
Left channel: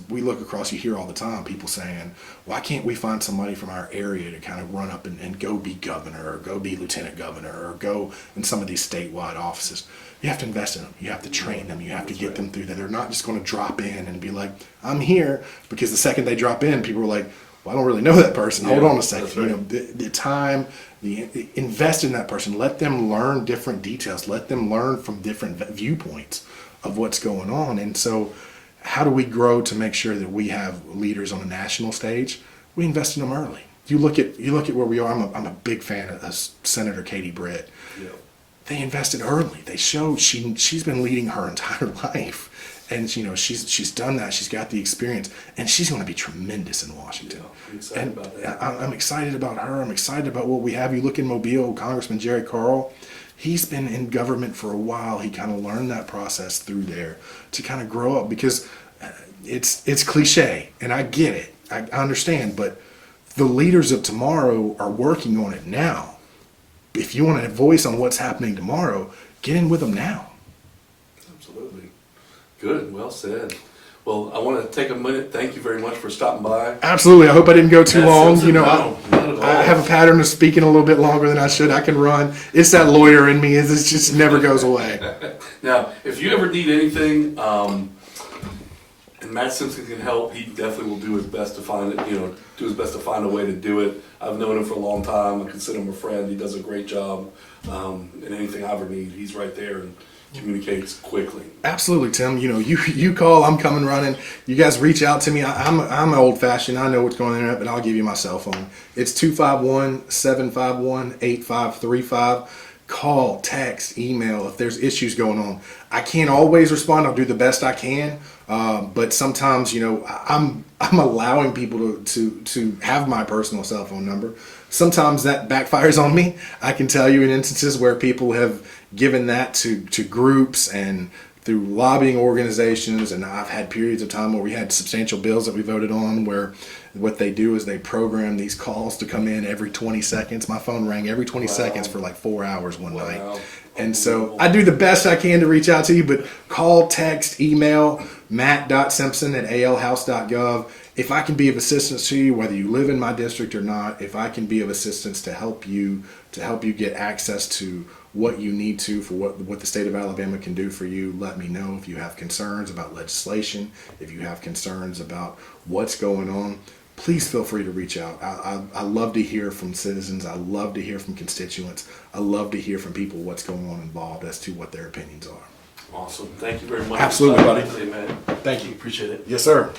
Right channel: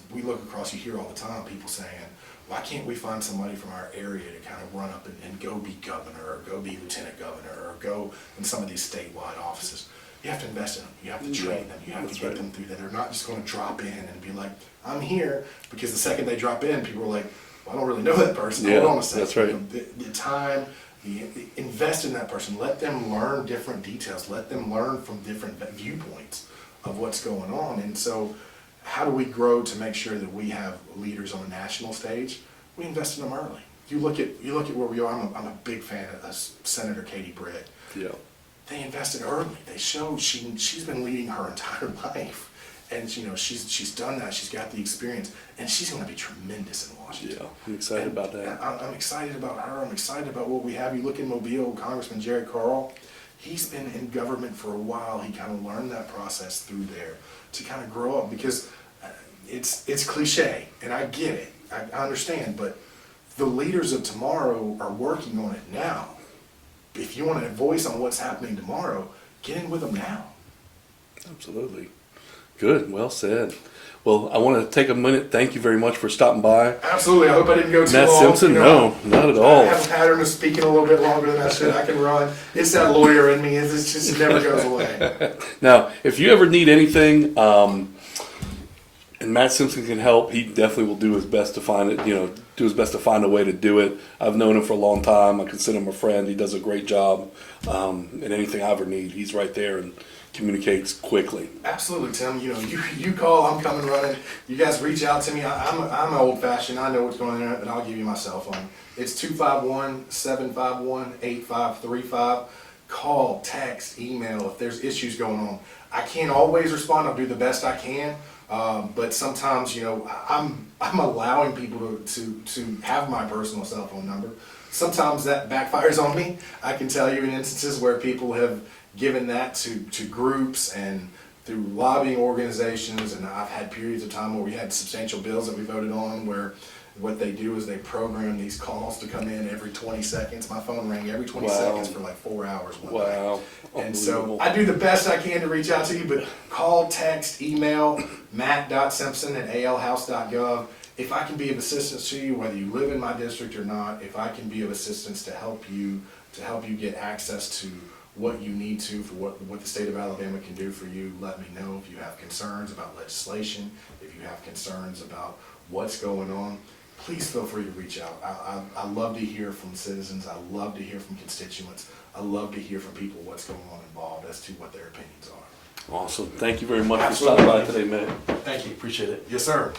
you hear all the time people saying, why can't we find somebody from our area to kind of run up and go be governor or go be lieutenant governor or go in some of these statewide offices? You have to invest in them. You have to train them. You have to get them through that. They're not just going to drop in and be like, I'm here, because the second they drop in, people are like, well, I don't really know that person. Hold on a second. That's right. The time, invest in that person. Let them learn different details. Let them learn from different viewpoints of what's going on. And so how do we grow to make sure that we have leaders on a national stage? We invest in them early. You look at where we are. I'm a big fan of Senator Katie Britt. Yeah. They invested early. They showed she's been leading her entire life, and she's done that. She's got the experience, and she's going to be tremendous in Washington. Yeah, I'm excited about that. I'm excited about her. I'm excited about what we have. You look in Mobile, Congressman Jerry Carl. He's been in government for a while. He kind of learned that process through there to kind of grow up, because it's cliche, and I get it. I understand, but the leaders of tomorrow are working on it now. If you want a voice on what's happening tomorrow, get in with them now. Absolutely. Good. Well said. Well, I want to take a minute. Thank you very much for stopping by. Absolutely. I hope I didn't go too Matt long. Simpson, no, not at all. I have a pattern of speaking a little bit longer than I should. I can run. It's that lawyer in me. It just never goes away. Now, if you ever need anything, and Matt Simpson can help, he definitely will do his best to find it, do his best to find a way to do it. I've known him for a long time. I consider him a friend. He does a great job. And anything I ever need, he's right there and communicates quickly. Absolutely, Tim. You call, I'm coming running. You guys reach out to me. I'm old fashioned. I know what's going on, but I'll give you my cell phone. It's 251-751-8535. Call, text, email if there's issues going on. I can't always respond. I'll do the best I can. But sometimes, I'm allowing people to have my personal cell phone number. Sometimes that backfires on me. I can tell you in instances where people have given that to groups and through lobbying organizations, and I've had periods of time where we had substantial bills that we voted on where what they do is they program these calls to come in every 20 seconds. My phone rang every 20 seconds for like 4 hours one night. And so I do the best I can to reach out to you, but call, text, email, matt.simpson@alhouse.gov. If I can be of assistance to you, whether you live in my district or not, if I can be of assistance to help you get access to what you need to for what the state of Alabama can do for you, let me know. If you have concerns about legislation, if you have concerns about what's going on, please feel free to reach out. I love to hear from citizens. I love to hear from constituents. I love to hear from people what's going on involved as to what their opinions are. Awesome. Thank you very much Absolutely. for stopping by today, man. Thank you. Appreciate it. Yes, sir.